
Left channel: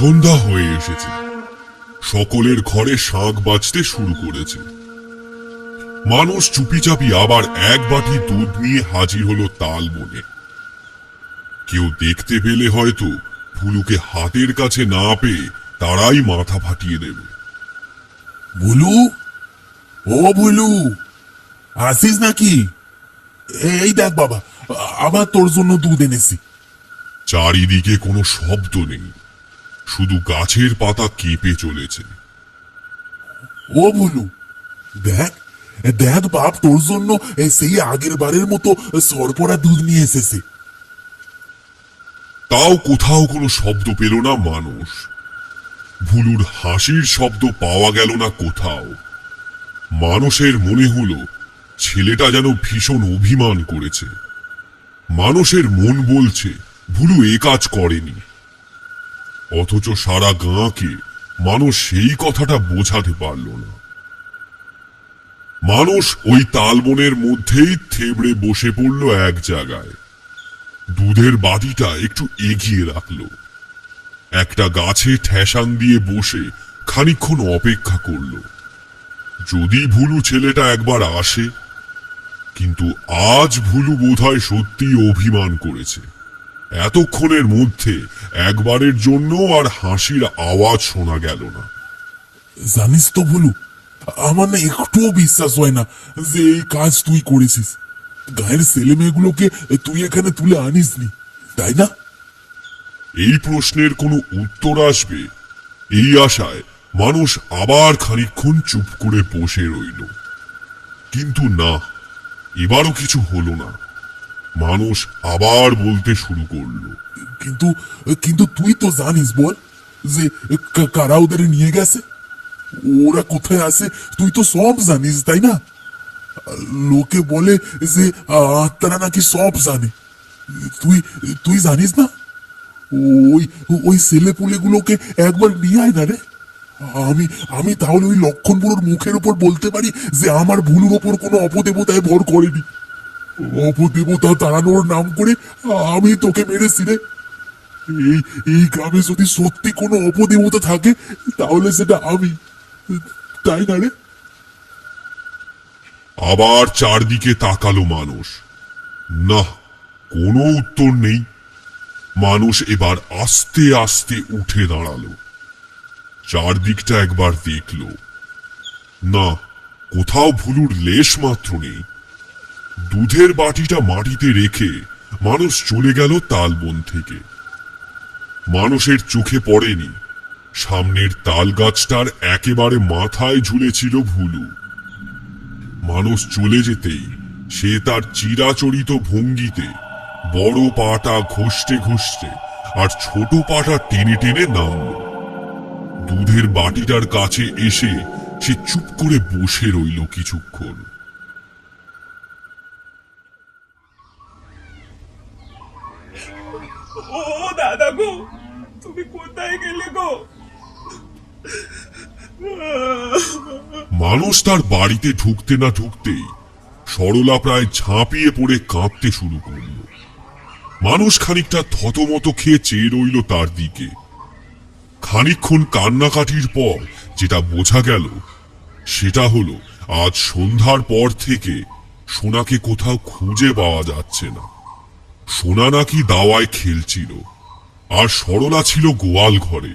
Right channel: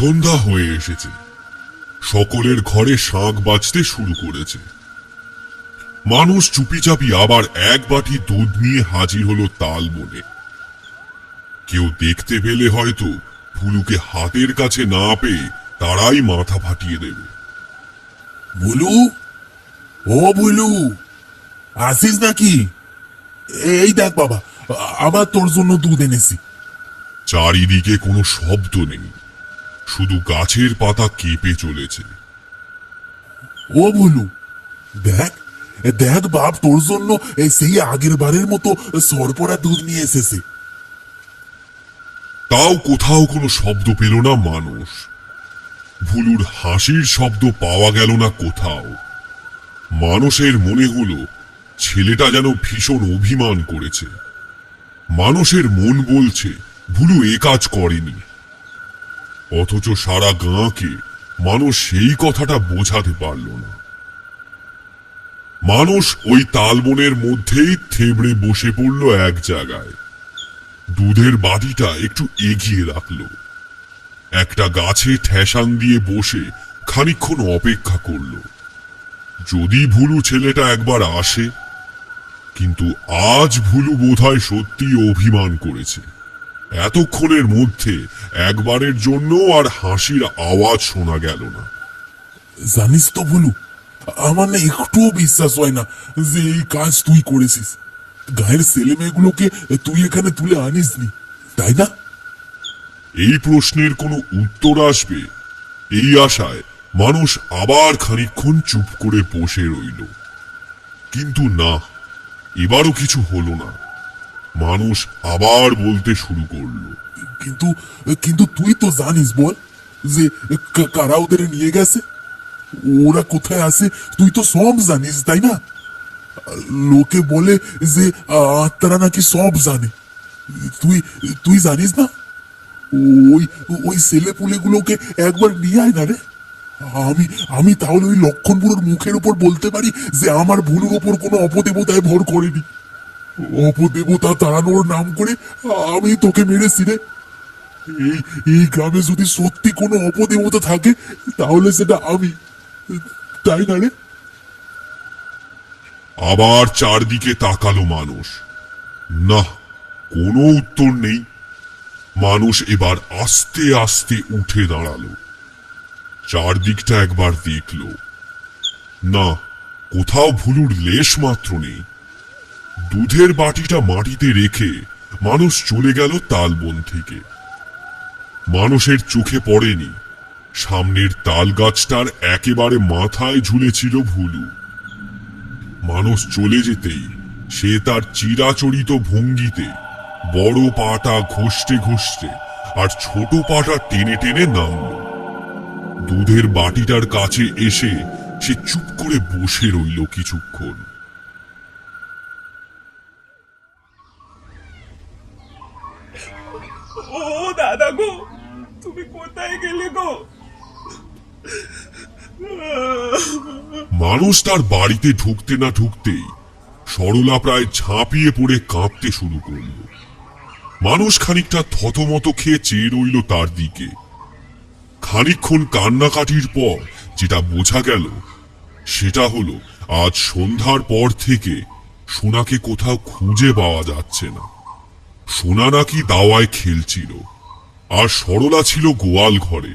সন্ধ্যা হয়ে এসেছে। সকলের ঘরে শাঁখ বাজতে শুরু করেছে। মানুষ চুপিচাপি আবার এক বাটি দুধ নিয়ে হাজির হলো তালবনে। কেউ দেখতে পেলে হয়তো ফুলুকে হাতের কাছে না পেয়ে তারাই মাথা ফাটিয়ে দেবে। বলু, ও বলু, আসিস নাকি? এই দেখ বাবা, আবার তোর জন্য দুধ এনেছি। চারিদিকে কোনো শব্দ নেই, শুধু গাছের পাতা কেঁপে চলেছে। ও বলু, দেখ দেখ বাপ, তোর জন্য সেই আগের বারের মতো সরপড়া দুধ নিয়ে এসেছে। তাও কোথাও কোনো শব্দ পেল না মানুষ। ভুলুর হাসির শব্দ পাওয়া গেল না কোথাও। মানুষের মনে হলো ছেলেটা যেন ভীষণ অভিমান করেছে। মানুষের মন বলছে ভুলু এ কাজ করেনি, অথচ সারা গাঁকে মানুষ সেই কথাটা বোঝাতে পারল না। মানুষ ওই তালবনের মধ্যেই থেবড়ে বসে পড়ল এক জায়গায়। দুধের বাটিটা একটু এগিয়ে রাখলো, একটা গাছে ঠেসান দিয়ে বসে খানিকক্ষণ অপেক্ষা করল, যদি ভুলু ছেলেটা একবার আসে। কিন্তু আজ ভুলু বোধহয় সত্যি অভিমান করেছে। এতক্ষণের মধ্যে একবারের জন্য আর হাসির আওয়াজ শোনা গেল না। জানিস তো ভুলু, আমার না একটুও বিশ্বাস হয় না যে এই কাজ তুই করেছিস। গায়ের ছেলে মেয়েগুলোকে তুই এখানে তুলে আনিসনি, তাই না? এই প্রশ্নের কোনো উত্তর আসবে এই আশায় মানুষ আবার খানিকক্ষণ চুপ করে বসে রইল। কিন্তু না, এবারও কিছু হলো না। মানুষ আবার বলতে শুরু করলো, কিন্তু কিন্তু তুই তো জানিস বল যে কারা ওদের নিয়ে গেছে, ওরা কোথায় আছে, তুই তো সব জানিস, তাই না? লোকে বলে যে আত্মারা নাকি সব জানে। তুই তুই জানিস না? ওই ওই ছেলে পুলেগুলোকে একবার নিয়ে আয় না রে। আমি আমি তাহলে ওই লক্ষণ বুড়োর মুখের উপর বলতে পারি যে আমার ভুলুর উপর কোনো অপদেবতায় ভর করেনি। অপদেবতা তাড়ানোর নাম করে আমি তোকে মেরেছি রে। এই এই গ্রামে যদি সত্যি কোনো অপদেবতা থাকে তাহলে সেটা আমি, তাই না রে? আবার চারদিকে তাকালো মানুষ। না, কোনো উত্তর নেই। মানুষ এবার আস্তে আস্তে উঠে দাঁড়ালো, চারদিকটা একবার দেখল। না, কোথাও ভুলুর লেশ মাত্র নেই। দুধের বাটিটা মাটিতে রেখে মানুষ চলে গেল তালবন থেকে। মানুষের চোখে পড়েনি সামনের তাল গাছটার একেবারে মাথায় ঝুলেছিল ভুলু। মানুষ চলে যেতেই সে তার চিরাচরিত ভঙ্গিতে বড় পাটা ঘষতে ঘষতে আর ছোট পাটা টেনে টেনে নামল। দুধের বাটিটার কাছে এসে সে চুপ করে বসে রইল কিছুক্ষণ। ও দাদা গো, তুমি কোথায় গেলে গো? মানুষ তার বাড়িতে ঢুকতে না ঢুকতেই সরলা প্রায় ঝাঁপিয়ে পড়ে কাঁপতে শুরু করল। মানুষ খানিকটা থতমত খেয়ে চেয়ে রইল তার দিকে। খানিকক্ষণ কান্নাকাটির পর যেটা বোঝা গেল সেটা হলো আজ সন্ধ্যার পর থেকে সোনাকে কোথাও খুঁজে পাওয়া যাচ্ছে না। সোনা নাকি দাওয়ায় খেলছিল, আর সরলা ছিল গোয়াল ঘরে।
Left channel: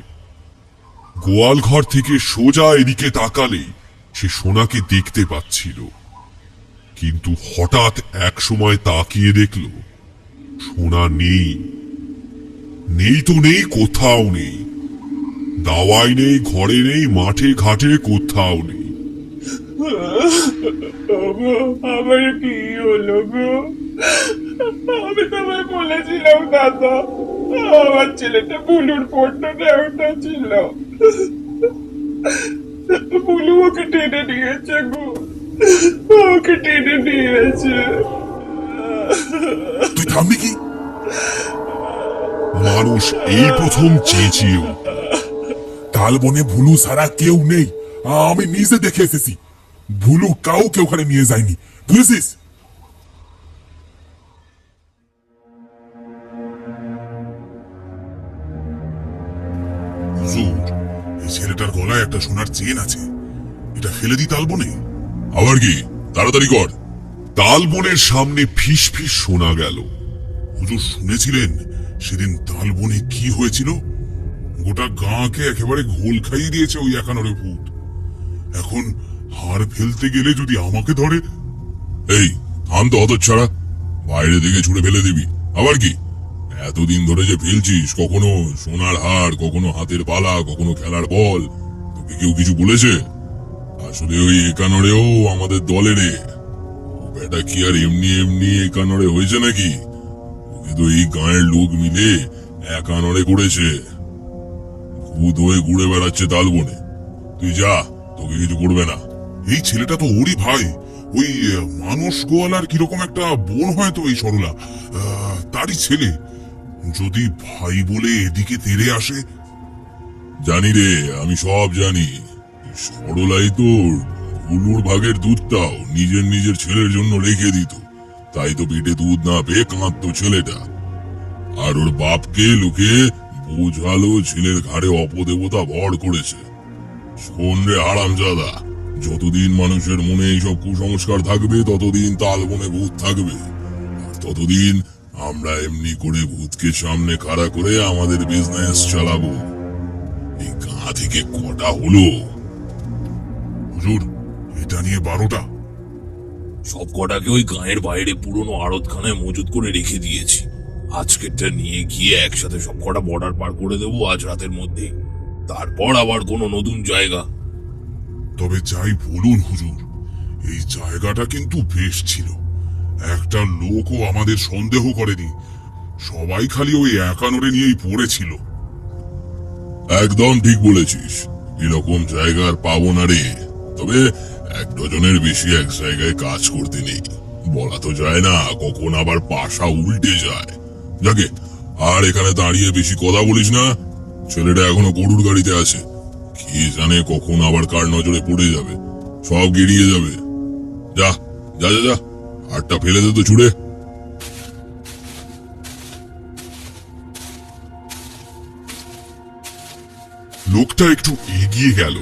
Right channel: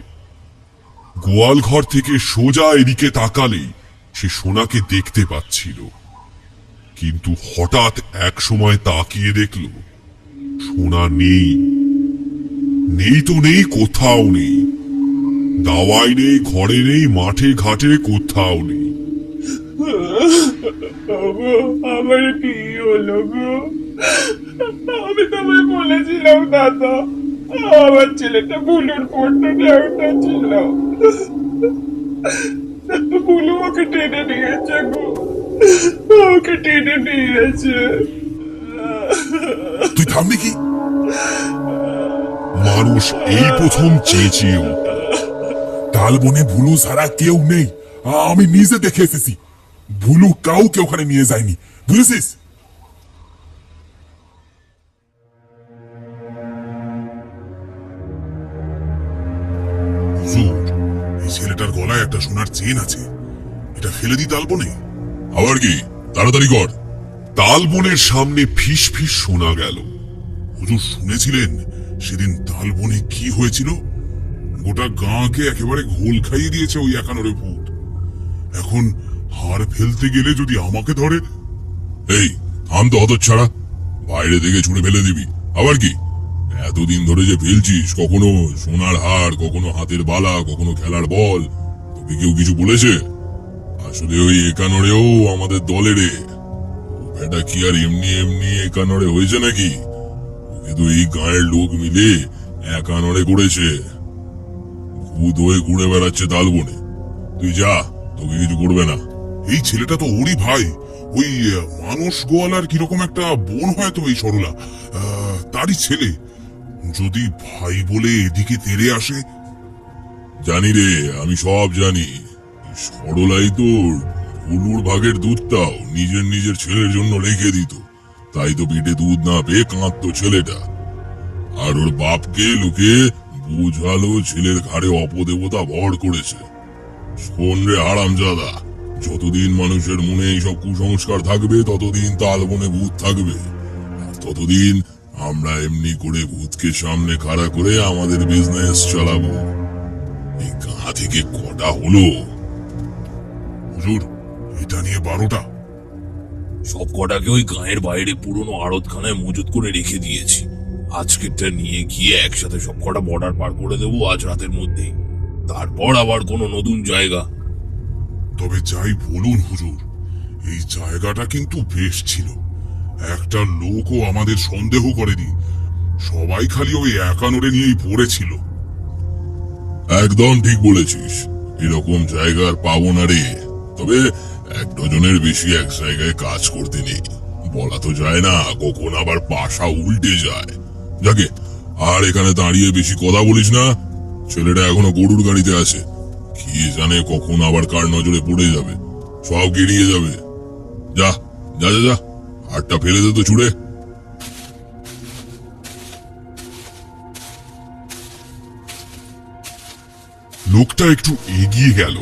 গোয়াল ঘর থেকে সোজা এদিকে তাকালেই সে সোনাকে দেখতে পাচ্ছিল। কিন্তু হঠাৎ এক সময় তাকিয়ে দেখল সোনা নেই। নেই তো নেই, কোথাও নেই। দাওয়ায় নেই, ঘরে নেই, মাঠে ঘাটে কোথাও নেই। আমার কি হলো গো? আমি তোমায় বলেছিলাম দাদা, আমার ছেলেটা ভুলুর পড়তে দেওয়াটা ছিল। ভুলু ওকে টেনে নিয়েছে গো, ওকে টেনে নিয়েছে। তুই থামবি কি? মানুষ এই প্রথম চেঁচিয়ে উঠল। তালবনে ভুলু ছাড়া কেউ নেই, আমি নিজে দেখে এসেছি। ভুলু কাউকে ওখানে নিয়ে যায়নি, বুঝেছিস? গলায় একটা সোনার চেন আছে, এটা ফেলে দিই তালবনে। আবার কি? তাড়াতাড়ি কর। তালবনের সামনে ফিস ফিস শোনা গেল। হুজুর শুনেছিলেন সেদিন তালবনে কি হয়েছিল? গোটা গাঁকে একেবারে ঘোল খাইয়ে দিয়েছে ওই একানরে ভূত। এখন হার ফেলতে গেলে যদি আমাকে ধরে। এই থাম তো হতচ্ছাড়া, বাইরে দিকে ছুড়ে ফেলে দিবি। আবার কি? এতদিন ধরে যে ফেলছিস, কখনো সোনার হার, কখনো হাতের বালা, কখনো খেলার বল, তোকে কেউ কিছু বলেছে? আসলে ওই একানরেও আমাদের দলেরে। ও বেটা কি আর এমনি এমনি একানরে হয়েছে নাকি? ওকে তো এই গাঁয়ের লোক মিলে একানরে করেছে। ভূত হয়ে ঘুরে বেড়াচ্ছে তালবনে। তুই যা, তোকে কিছু করবে না। এই ছেলেটা তো ওরই ভাই, ওই মানুষ গোয়ালার কিরকম একটা বোন হয়তো এই সরলা, তারই ছেলে। যদি ভাই বলে এদিকে তেড়ে আসে। জানি রে, আমি সব জানি। সরলাই তো ভুলুর ভাগের দুধটাও নিজের ছেলের জন্য রেখে দিত। তাই তো পেটে দুধ না পেয়ে কাঁদতো ছেলেটা। আর ওর বাপকে লোকে বুঝালো ছেলের ঘাড়ে অপদেবতা ভর করেছে। শোন রে হারামজাদা, যতদিন মানুষের মনে এইসব কুসংস্কার থাকবে ততদিন তালবনে ভূত থাকবে। আর ততদিন আমরা এমনি করে ভূতকে সামনে খাড়া করে আমাদের বিজনেস চালাবো। এই গাঁ থেকে কটা হলো? হুজুর, এটা নিয়ে 12টা। সব কটাকে ওই গাঁয়ের বাইরে পুরনো আড়তখানায় মজুত করে রেখে দিয়েছি। আজকেরটা নিয়ে গিয়ে একসাথে সব কটা বর্ডার পার করে দেবো আজ রাতের মধ্যেই। তারপর আবার কোনো নতুন জায়গা। তবে যাই বলুন হুজুর, এই জায়গাটা কিন্তু বেশ ছিল। একটা লোকও আমাদের সন্দেহ করেনি। সবাই খালি ওই একানরে নিয়েই পড়েছিল। একদম ঠিক বলেছিস, এরকম জায়গা আর পাবো না রে। তবে 1 ডজনের বেশি এক জায়গায় কাজ করতে নেই, বলা তো যায় না, কখন আবার পাশা উল্টে যায়। যাকে, আর এখানে দাঁড়িয়ে বেশি কথা বলিস না। ছেলেটা এখনো গরুর গাড়িতে আছে, কি জানে কখন আবার কার নজরে পড়ে যাবে, সব গিরিয়ে যাবে। যা যা যা যা, হাতটা ফেলে দে তো ছুড়ে। লোকটা একটু এগিয়ে গেল,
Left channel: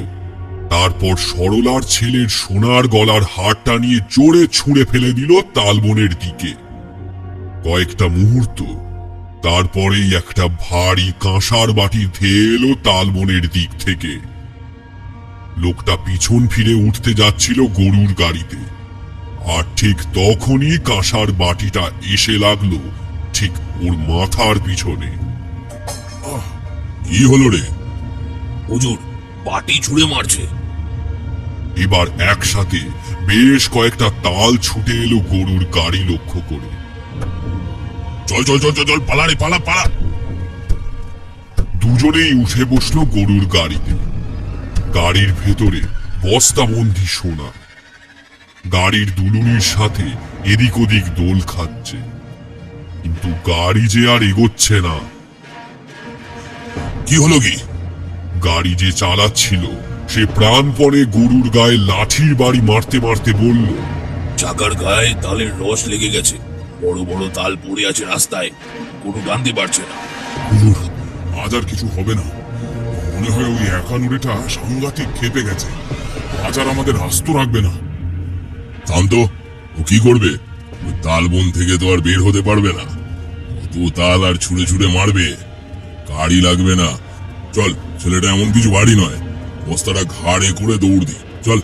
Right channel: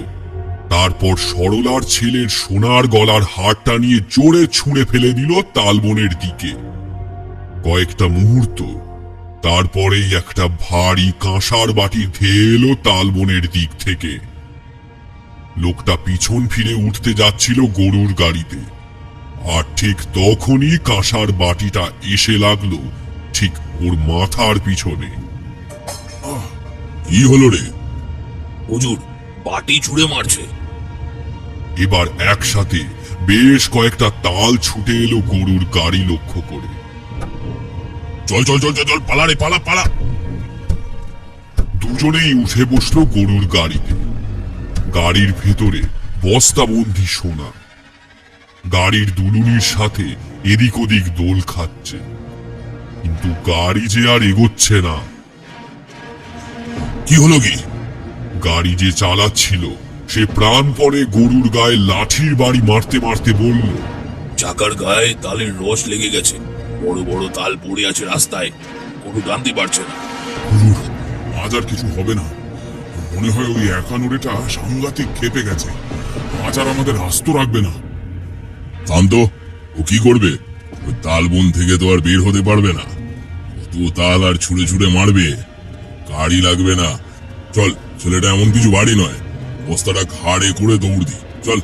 তারপর সরলার ছেলের সোনার গলার হারটা নিয়ে জোরে ছুঁড়ে ফেলে দিল তালবনের দিকে। কয়েকটা মুহূর্ত, তারপরেই একটা ভারী কাঁসার বাটি ধেয়ে এলো তালবনের দিক থেকে। লোকটা পিছন ফিরে উঠতে যাচ্ছিল গরুর গাড়িতে, আর ঠিক তখনই কাঁসার বাটিটা এসে লাগলো ঠিক ওর মাথার পিছনে। কি হলো রে? হুজুর, বাটি ছুঁড়ে মারছে। এবার একসাথে বেশ কয়েকটা তাল ছুটে এলো গরুর গাড়ি লক্ষ্য করে। চল চল চল চল চল, পালা রে, পালা পালা। দুজনেই উঠে বসলো গরুর গাড়িতে। গাড়ির ভেতরে বস্তাবন্দি সোনা। গাড়ির দুলুনির সাথে এদিক ওদিক দোল খাচ্ছে, কিন্তু গাড়ি যে আর এগোচ্ছে না। কি হলো কি? গাড়ি যে চালাচ্ছিল সে প্রাণপণে গরুর গায়ে লাঠির বাড়ি মারতে মারতে বলল, চাকার গায়ে তালের রস লেগে গেছে, বড় বড় তাল পড়ে আছে রাস্তায়, গরু টানতে পারছে না। হুজুর, আজ আর কিছু হবে না। মনে হয় ওই একানরেটা সাংঘাতিক খেপে গেছে, আজ আর আমাদের আস্ত রাখবে না। শান্ত, ও কি করবে? ওই তালবন থেকে তো আর বের হতে পারবে না। কত তাল আর ছুঁড়ে ছুঁড়ে মারবে, গাড়ি লাগবে না। চল, ছেলেটা এমন কিছু ভারী নয়, বস্তাটা ঘাড়ে করে দৌড় দি, চল।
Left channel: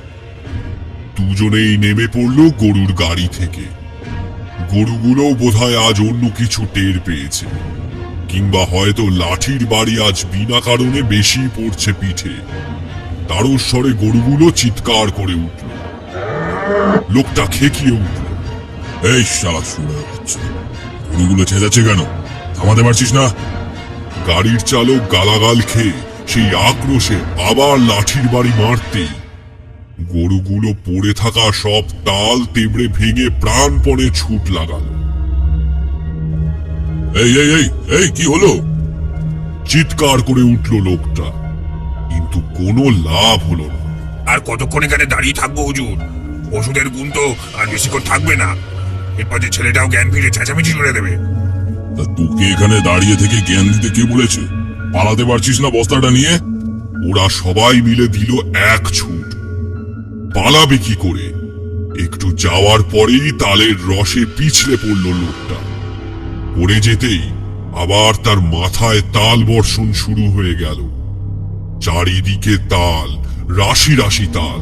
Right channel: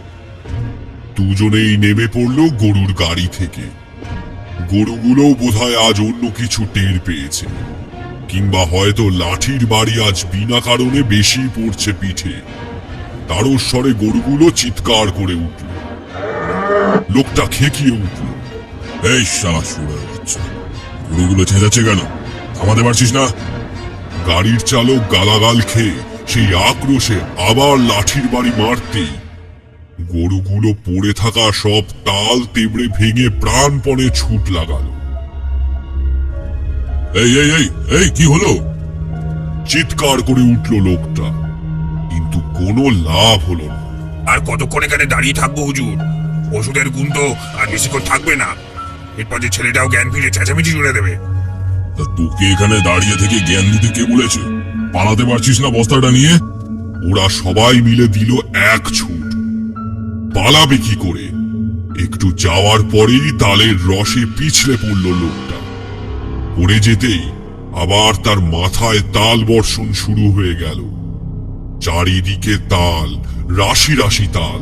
দুজনেই নেমে পড়লো গরুর গাড়ি থেকে। গরুগুলো বোধহয় আজ অন্য কিছু টের পেয়েছে, কিংবা হয়তো লাঠির বাড়ি আজ বিনা কারণে বেশি পড়ছে পিঠে। তারস্বরে গরুগুলো চিৎকার করে উঠল। লোকটা খেকিয়ে উঠল, এই শালা শুরু হচ্ছে, গরুগুলো ছেঁচাচ্ছে কেন? থামাতে পারছিস না? গাড়ির চালক গালাগাল খেয়ে সেই আক্রোশে আবার লাঠির বাড়ি মারতেই গরুগুলো পড়ে থাকা সব তাল তেবড়ে ভেঙে প্রাণপণে ছুট লাগালো। এই এই এই এই, কি হলো? চিৎকার করে উঠল লোকটা, কিন্তু কোনো লাভ হলো না। আর কতক্ষণ এখানে দাঁড়িয়ে থাকবো হুজুর? ওষুধের গুণ তো আর বেশিক্ষণ থাকবে না। এরপর যে ছেলেটাও জ্ঞান ফিরে চেঁচামেচি জুড়ে দেবে। তা তোকে এখানে দাঁড়িয়ে থেকে জ্ঞান দিতে কে বলেছে? পালাতে পারছিস না বস্তাটা নিয়ে? ওরা সবাই মিলে দিল এক ছুট। পালাবে কি করে? একটু যাওয়ার পরেই তালের রসে পিছলে পড়ল লোকটা। পড়ে যেতেই আবার তার মাথায় তাল বর্ষণ শুরু হয়ে গেল। চারিদিকে তাল, রাশি রাশি তাল,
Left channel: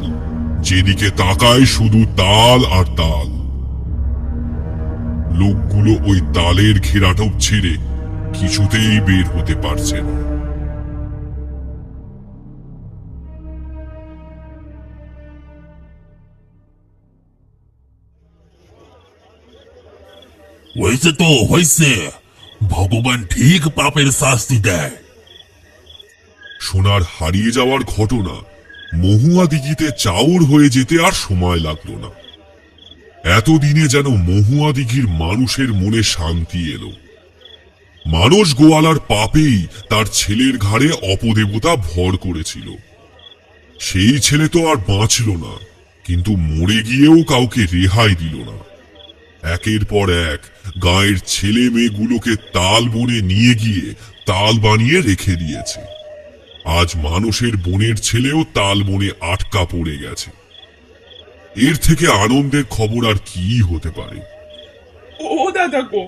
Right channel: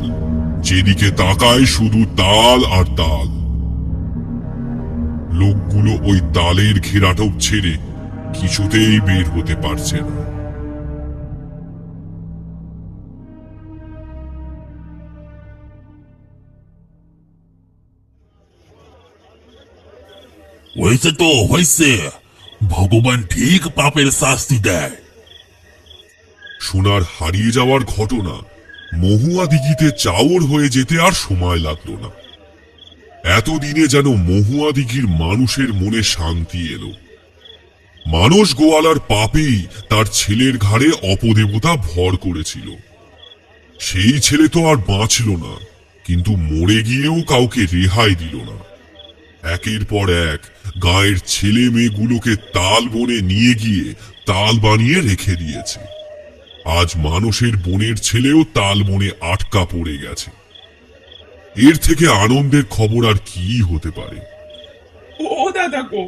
যেদিকে তাকায় শুধু তাল আর তাল। লোকগুলো ওই তালের ঘেরাটোপ ছেড়ে কিছুতেই বের হতে পারছে না। হয়েছে তো হয়েছে, ভগবান ঠিক পাপের শাস্তি দেয়। সোনার হারিয়ে যাওয়ার ঘটনা মহুয়া দিঘিতে চাউর হয়ে যেতে আর সময় লাগলো না। এতদিনে যেন মহুয়া দিঘির মানুষের মনে শান্তি এলো। মানস গোয়ালার পাপেই তার ছেলের ঘাড়ে অপদেবতা ভর করেছিল। সেই ছেলে তো আর বাঁচল না, কিন্তু মরে গিয়েও কাউকে রেহাই দিল না। একের পর এক গায়ের ছেলে মেয়েগুলোকে তাল বনে নিয়ে গিয়ে তাল বানিয়ে রেখে দিয়েছে। আজ মানুষের বোনের ছেলেও তাল বনে আটকা পড়ে গেছে। এর থেকে আনন্দের খবর আর কি হতে পারে? ও দাদা গো,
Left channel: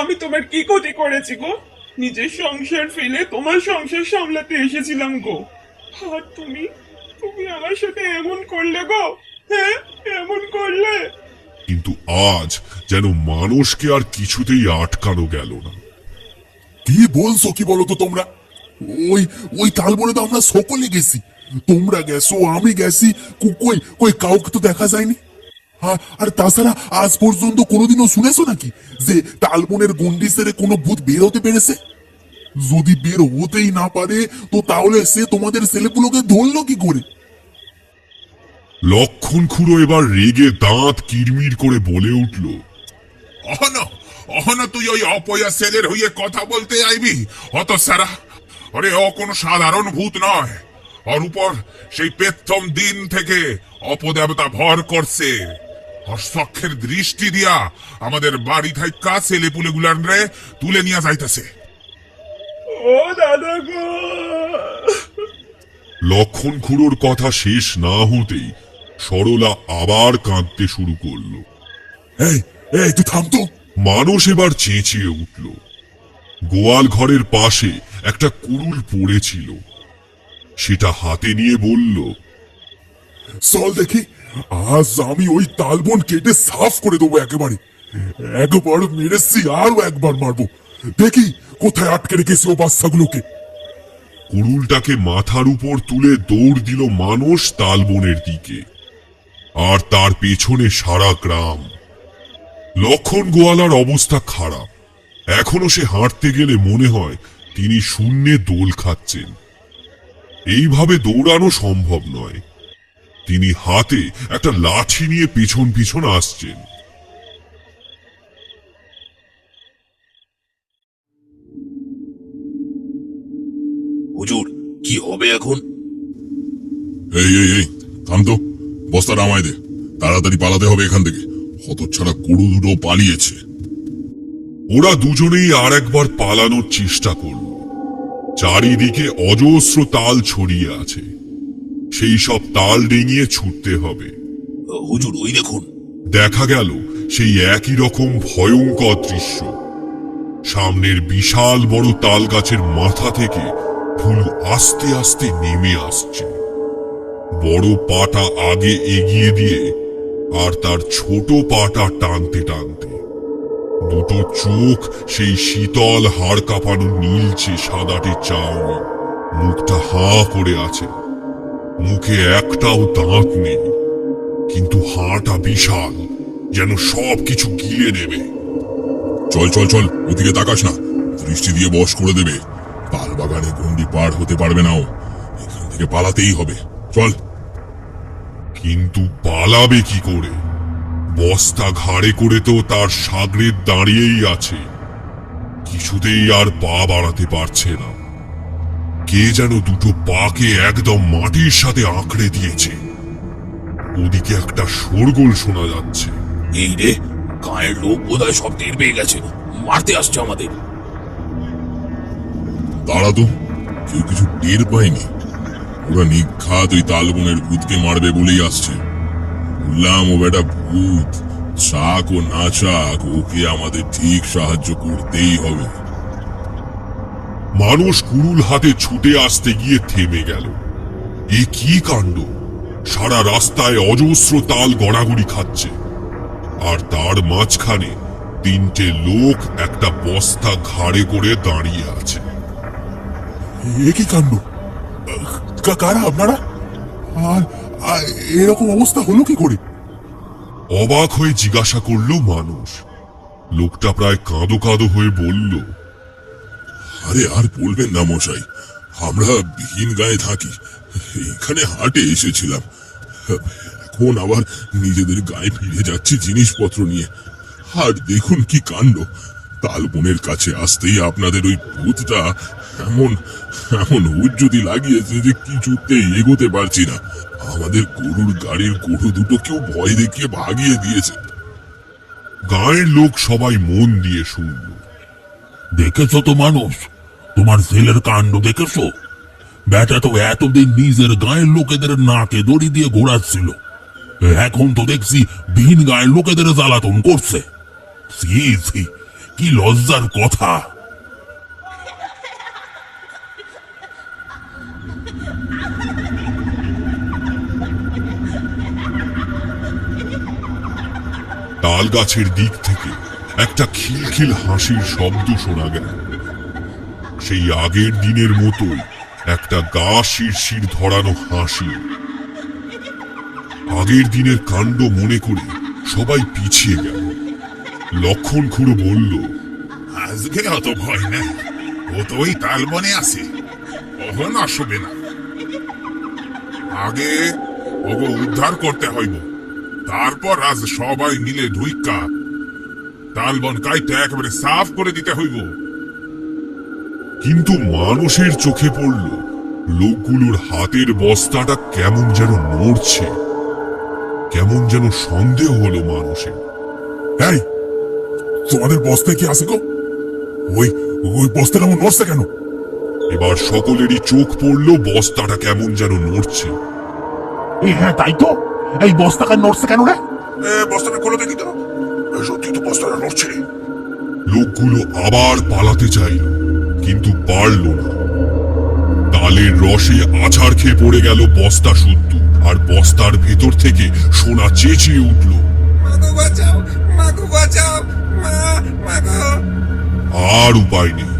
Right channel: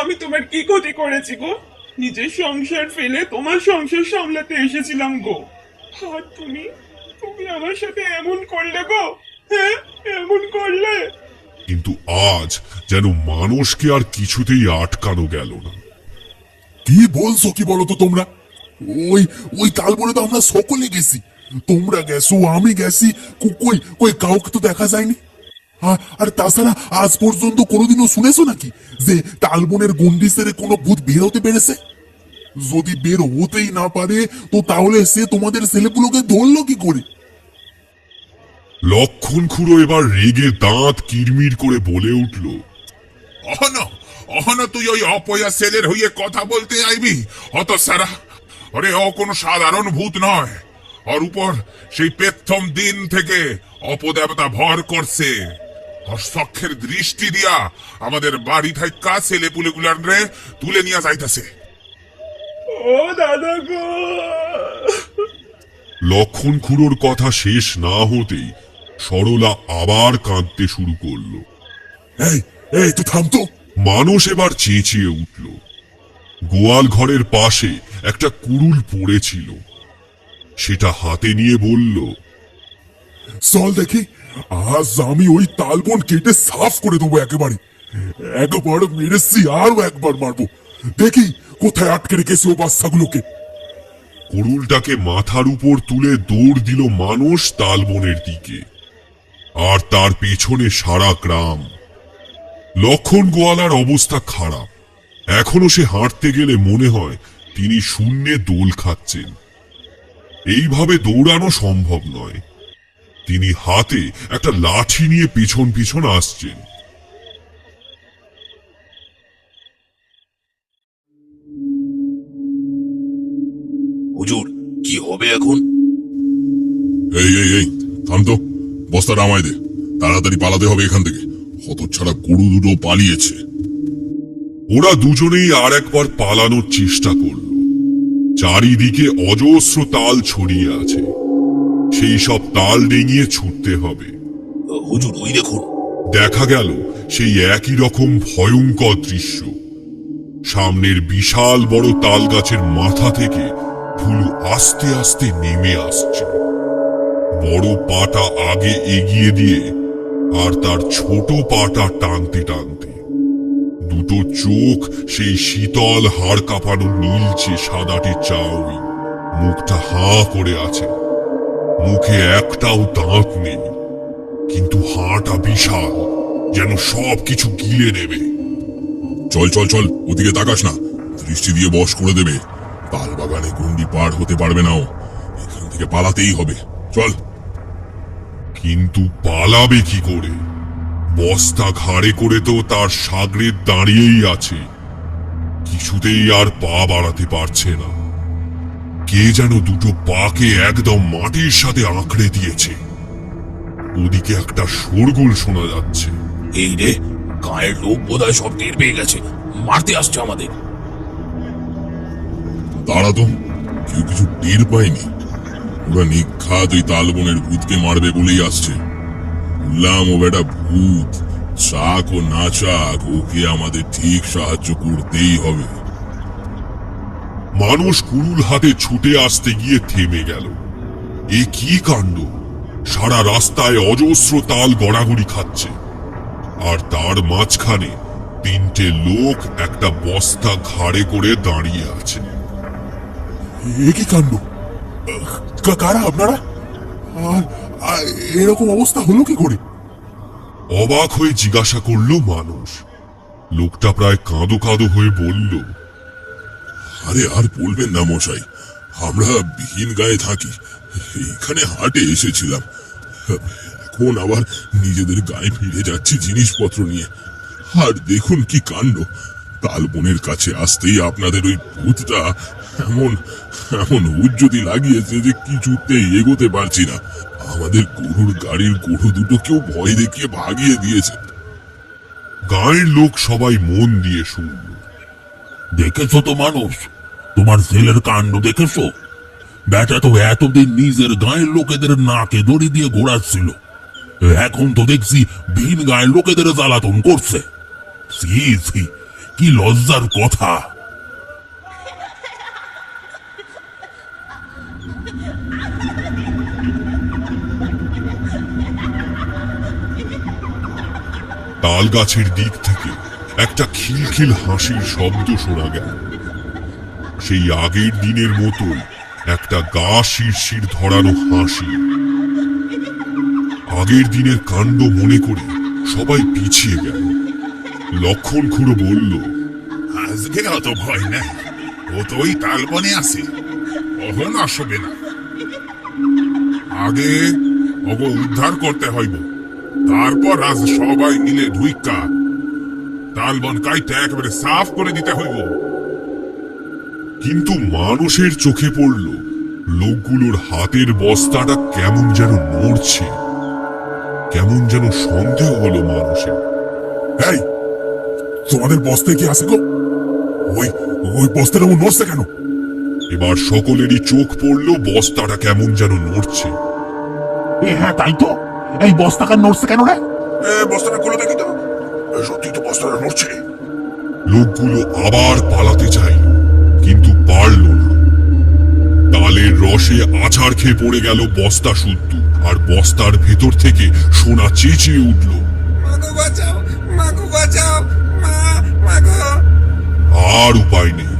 আমি তোমার কি ক্ষতি করেছি গো? নিজের সংসার ফেলে তোমার সংসার সামলাতে এসেছিলাম গো, আর তুমি তুমি আমার সাথে এমন করলে গো। হ্যাঁ, এমন করলে। কিন্তু আজ যেন মানুষকে আর কিছুতেই আটকানো গেল না। কি বলছো কি বলো তো তোমরা? ওই ওই তালবনে তো আমরা সকলে গেছি। তোমরা গেছো, আমি গেছি, কই কই কাউকে তো দেখা যায়নি। আর তাছাড়া আজ পর্যন্ত কোনোদিনও শুনেছো নাকি যে তালবনের গন্ডি সেরে কোনো ভূত বের হতে পেরেছে? যদি বের হতেই না পারে তো তাহলে সে তোমাদের ছেলেপুলোকে ধরলো কি করে? লক্ষণ খুঁড়ো এবার রেগে দাঁত কিরমির করে বলে উঠল, অহন তুই ওই অপয়া ছেলের হইয়ে কথা বলতে আইবি? অত সারা, আরে ও কোনো সাধারণ ভূত নয়। ওর উপর সেই প্রথম দিন থেকে অপদেবতা ভর করছে। ওর চক্ষের দৃষ্টি দিয়া আমাদের বাড়ি থাকা ছেলে পুলেগুলান রে তুলে নিয়ে যাইতেছে। ও দাদা গো। লক্ষণ খুঁড়োর কথা শেষ না হতেই সরলা আবার কাঁদতে শুরু করলো। এই এই তুই থাম তো। মানুষ এবার চেঁচিয়ে উঠল। গোয়াল ঘরের পাশে একটা কুড়ুল পড়েছিল, সেটা হাতে নিয়ে বলল, চল দেখি, আজ আমি ওই তালবন কেটে সাফ করে দেবো একেবারে। একবার মেরেছি, আরো একবার মারবো। দেখি কোথায় আটকে রেখেছি ও বাচ্চাগুলোকে। কুড়ুলটাকে মাথার উপর তুলে দৌড় দিল মানুষ তালবনের দিকে, আর তার পেছনে সারা গ্রাম। লক্ষণ গোয়ালার অবস্থা খারাপ। এখনো সে হাঁটতে গেলে মনে হয় তিনি শূন্যে দোল খাচ্ছেন। এইভাবে দৌড়ানো সম্ভব নয়। তিনি হাতে একটা লাঠি নিয়ে পিছন পিছন আসছেন। হুজুর, কি হবে এখন? এই এই এই থাম তো, বস্তাটা আমায় দে। তাড়াতাড়ি পালাতে হবে এখান থেকে। হতচ্ছাড়া গরু দুটো পালিয়েছে। ওরা দুজনেই আর একবার পালানোর চেষ্টা করল। চারিদিকে অজস্র তাল ছড়িয়ে আছে, সেই সব তাল ডিঙিয়ে ছুটতে হবে। হুজুর, ওই দেখুন। দেখা গেল সেই একই রকম ভয়ঙ্কর দৃশ্য। সামনের বিশাল বড় তাল গাছের মাথা থেকে ভুলু আস্তে আস্তে নেমে আসছে। বড় পাটা আগে এগিয়ে দিয়ে আর তার ছোট পাটা টানতে টানতে। দুটো চোখ সেই শীতল হাড় কাঁপানো নীলচে সাদাটে চাউনি, মুখটা হাঁ করে আছে। মুখে একটাও দাঁত নেই, কিন্তু হাঁটা বিশাল, যেন সব কিছু গিলে নেবে। চল চল চল, ওদিকে তাকাস না, দৃষ্টি দিয়ে বশ করে দেবে। তাল বাগানে গুন্ডি পার হতে পারবে না ও। এখান থেকে পালাতেই হবে, চল। কিন্তু পালাবে কি করে? বস্তা ঘাড়ে করে তো তার সাগরে দাঁড়িয়েই আছে, কিছুতেই আর পা বাড়াতে পারছে না। কে যেন দুটো পাকে একদম মাটির সাথে আঁকড়ে দিয়েছে। ওদিকে একটা শোরগোল শোনা যাচ্ছে। এই রে, গায়ের লোক বোধহয় সব টের পেয়ে গেছে, মারতে আসছে আমাদের। তারা তো কেউ কিছু টের পায়নি। ওরা নিখাত ওই তালবনের ভূতকে মারবে বলেই আসছে। বললাম ও বেটা ভূত, চাক ও না চাক ওকে আমাদের ঠিক সাহায্য করতেই হবে। মানুষ কুড়ুল হাতে ছুটে আসতে গিয়ে থেমে গেল। এ কি কাণ্ড! সারা রাস্তায় অজস্র তাল গড়াগড়ি খাচ্ছে, আর তার মাঝখানে তিনটে লোক একটা বস্তা ঘাড়ে করে দাঁড়িয়ে আছে। এ কি কাণ্ড! কারা আপনারা? আর এরকম অবস্থা হলো কি করে? অবাক হয়ে জিজ্ঞাসা করলো মানুষ। লোকটা প্রায় কাঁদো কাঁদো হয়ে বলল, আরে আর বলবেন না মশাই, আমরা বিহীন গায়ে থাকি, এইখানে হাটে এসেছিলাম, এখন আবার নিজেদের গায়ে ফিরে যাচ্ছি জিনিসপত্র নিয়ে। আর দেখুন কি কাণ্ড, তালবনের কাছে আসতেই আপনাদের ওই ভূতটা এমন এমন উজ্জতি লাগিয়েছে যে কিছুতেই এগোতে পারছি না। আমাদের গরুর গাড়ির গরু দুটো কেউ ভয় দেখিয়ে ভাগিয়ে দিয়েছে। গায়ের লোক সবাই মন দিয়ে শুনল। দেখেছো তো মানুষ, তোমার ছেলের কাণ্ড দেখেছো? বেটা তো এতদিন নিজের গায়ের লোকেদের নাকে দড়ি দিয়ে ঘোরাচ্ছিল, এখন তো দেখছি ভিন গায়ের লোকেদের জ্বালাতন করছে। ছি ছি, কি লজ্জার কথা! তাল গাছের দিক থেকে একটা খিলখিল হাসির শব্দ শোনা গেল। সেই আগের দিনের মতো একটা গা শিরশির ধরানো হাসি। আগের দিনের কাণ্ড মনে করে সবাই পিছিয়ে গেল। লক্ষণ খুড়ো বলল, আজকে অত ভয় নেই, ও তো ওই তালবনে আছে, কখন আসবে না। আগে ওকে উদ্ধার করতে হইব, তারপর আজ সবাই মিলে ঢুইকা তালবন কাইটা একেবারে সাফ করে দিতে হইব। কিন্তু মানুষের চোখে পড়ল লোকগুলোর হাতের বস্তাটা কেমন যেন নড়ছে। কেমন যেন সন্দেহ হলো মানুষের। এই, তোমাদের বস্তায় কি আছে গো? ওই ওই বস্তাটা এমন নড়ছে কেন? এবার সকলেরই চোখ পড়ল বস্তাটা কেমন যেন নড়ছে। হ্যাঁ তাই তো, এই বস্তাটা নড়ছে কেন রে? বস্তাটা খুলে দেখি তো, সত্যি তো বস্তাটা নড়ছে। লোকগুলো আবার পালাতে চাইল, কিন্তু পারল না। তালের রসে আছাড় খেয়ে পড়ে গেল বস্তা শুদ্ধ, আর বস্তার ভেতর থেকে সোনা চেঁচিয়ে উঠল, মাগো বাঁচাও, মাগো বাঁচাও, মাগো। আর উপায় নেই।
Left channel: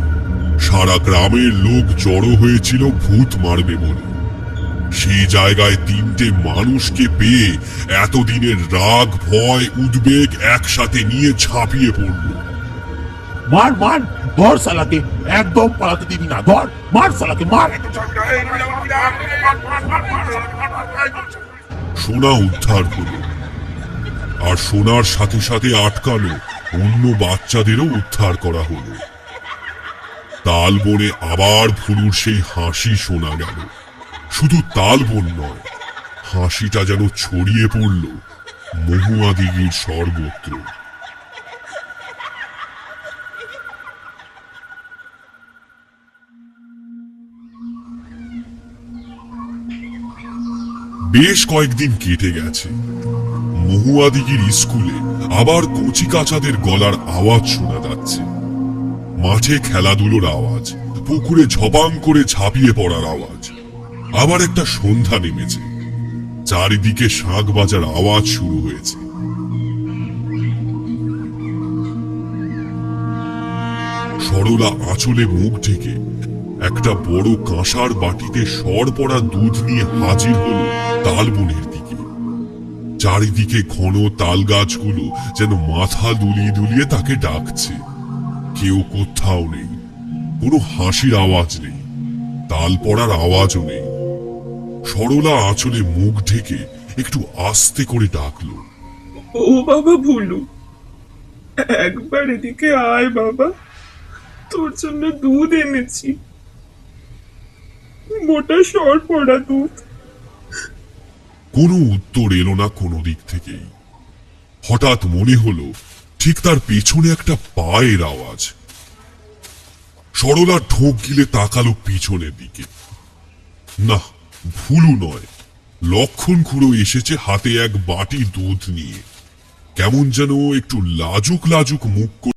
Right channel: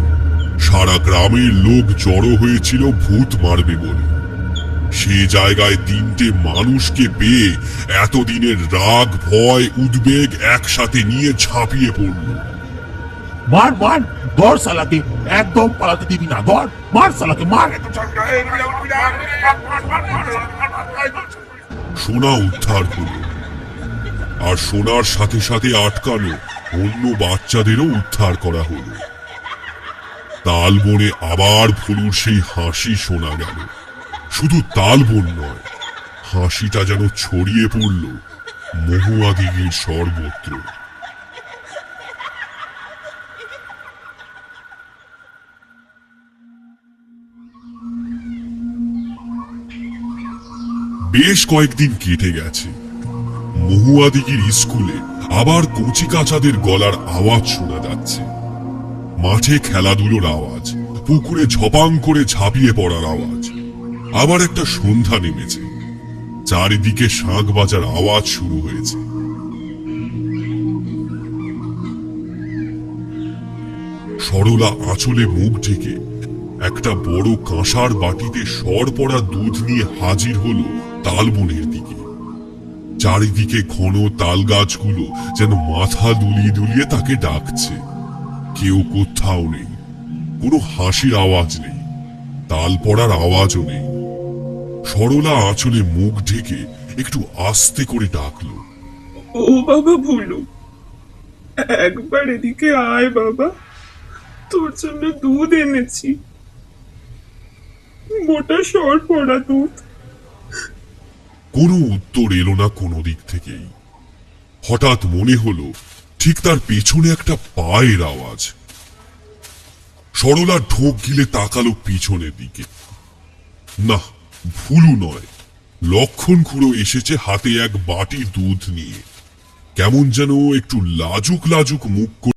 সারা গ্রামের লোক জড়ো হয়েছিল ভূত মারবে বলে। সেই জায়গায় তিনটে মানুষকে পেয়ে এতদিনের রাগ, ভয়, উদ্বেগ একসাথে নিয়ে ঝাঁপিয়ে পড়ল। মার মার, ধর শালাকে, একদম পালাতে দিবি না, ধর, মার শালাকে, মার। সোনা উদ্ধার হলো, আর সোনার সাথে সাথে আটকানো অন্য বাচ্চাদেরও উদ্ধার করা হলো। তালবনে আবার ভুলুর সেই হাসি শোনা গেল। শুধু তালবন নয়, হাসিটা যেন ছড়িয়ে পড়ল মহুয়া দিঘির সর্বত্র। বেশ কয়েকদিন কেটে গেছে। মহুয়া দিঘির স্কুলে আবার কচি কাচাদের গলার আওয়াজ শোনা যাচ্ছে। মাঠে খেলাধুলোর আওয়াজ, পুকুরে ঝপাং করে ঝাঁপিয়ে পড়ার আওয়াজ। আবার একটা সন্ধ্যা নেমেছে, চারিদিকে শাঁখ বাজার আওয়াজ শুরু হয়েছে। সরলা আঁচলে মুখ ঢেকে একটা বড় কাঁসার বাটিতে সর পড়া দুধ নিয়ে হাজির হলো তালবনের দিকে। চারিদিকে ঘন তাল গাছগুলো যেন মাথা দুলিয়ে দুলিয়ে তাকে ডাকছে। কেউ কোথাও নেই, কোনো হাসির আওয়াজ নেই, তাল পড়ার আওয়াজও নেই। সরলা আঁচলে মুখ ঢেকে একটু আস্তে করে ডাকলো, ও বাবা ভুলু, একবার এদিকে আয় বাবা, তোর জন্য দুধ এনেছি, মোটা সর পড়া দুধ। কোনো উত্তর এলো না কোনো দিক থেকেই। হঠাৎ মনে হলো ঠিক তার পেছনে একটা পায়ের আওয়াজ। সরলা ঢোক গিলে তাকালো পিছনের দিকে। না, ভুলু নয়, লক্ষণ খুড়ো এসেছে হাতে এক বাটি দুধ নিয়ে। কেমন যেন একটু লাজুক লাজুক মুখ করে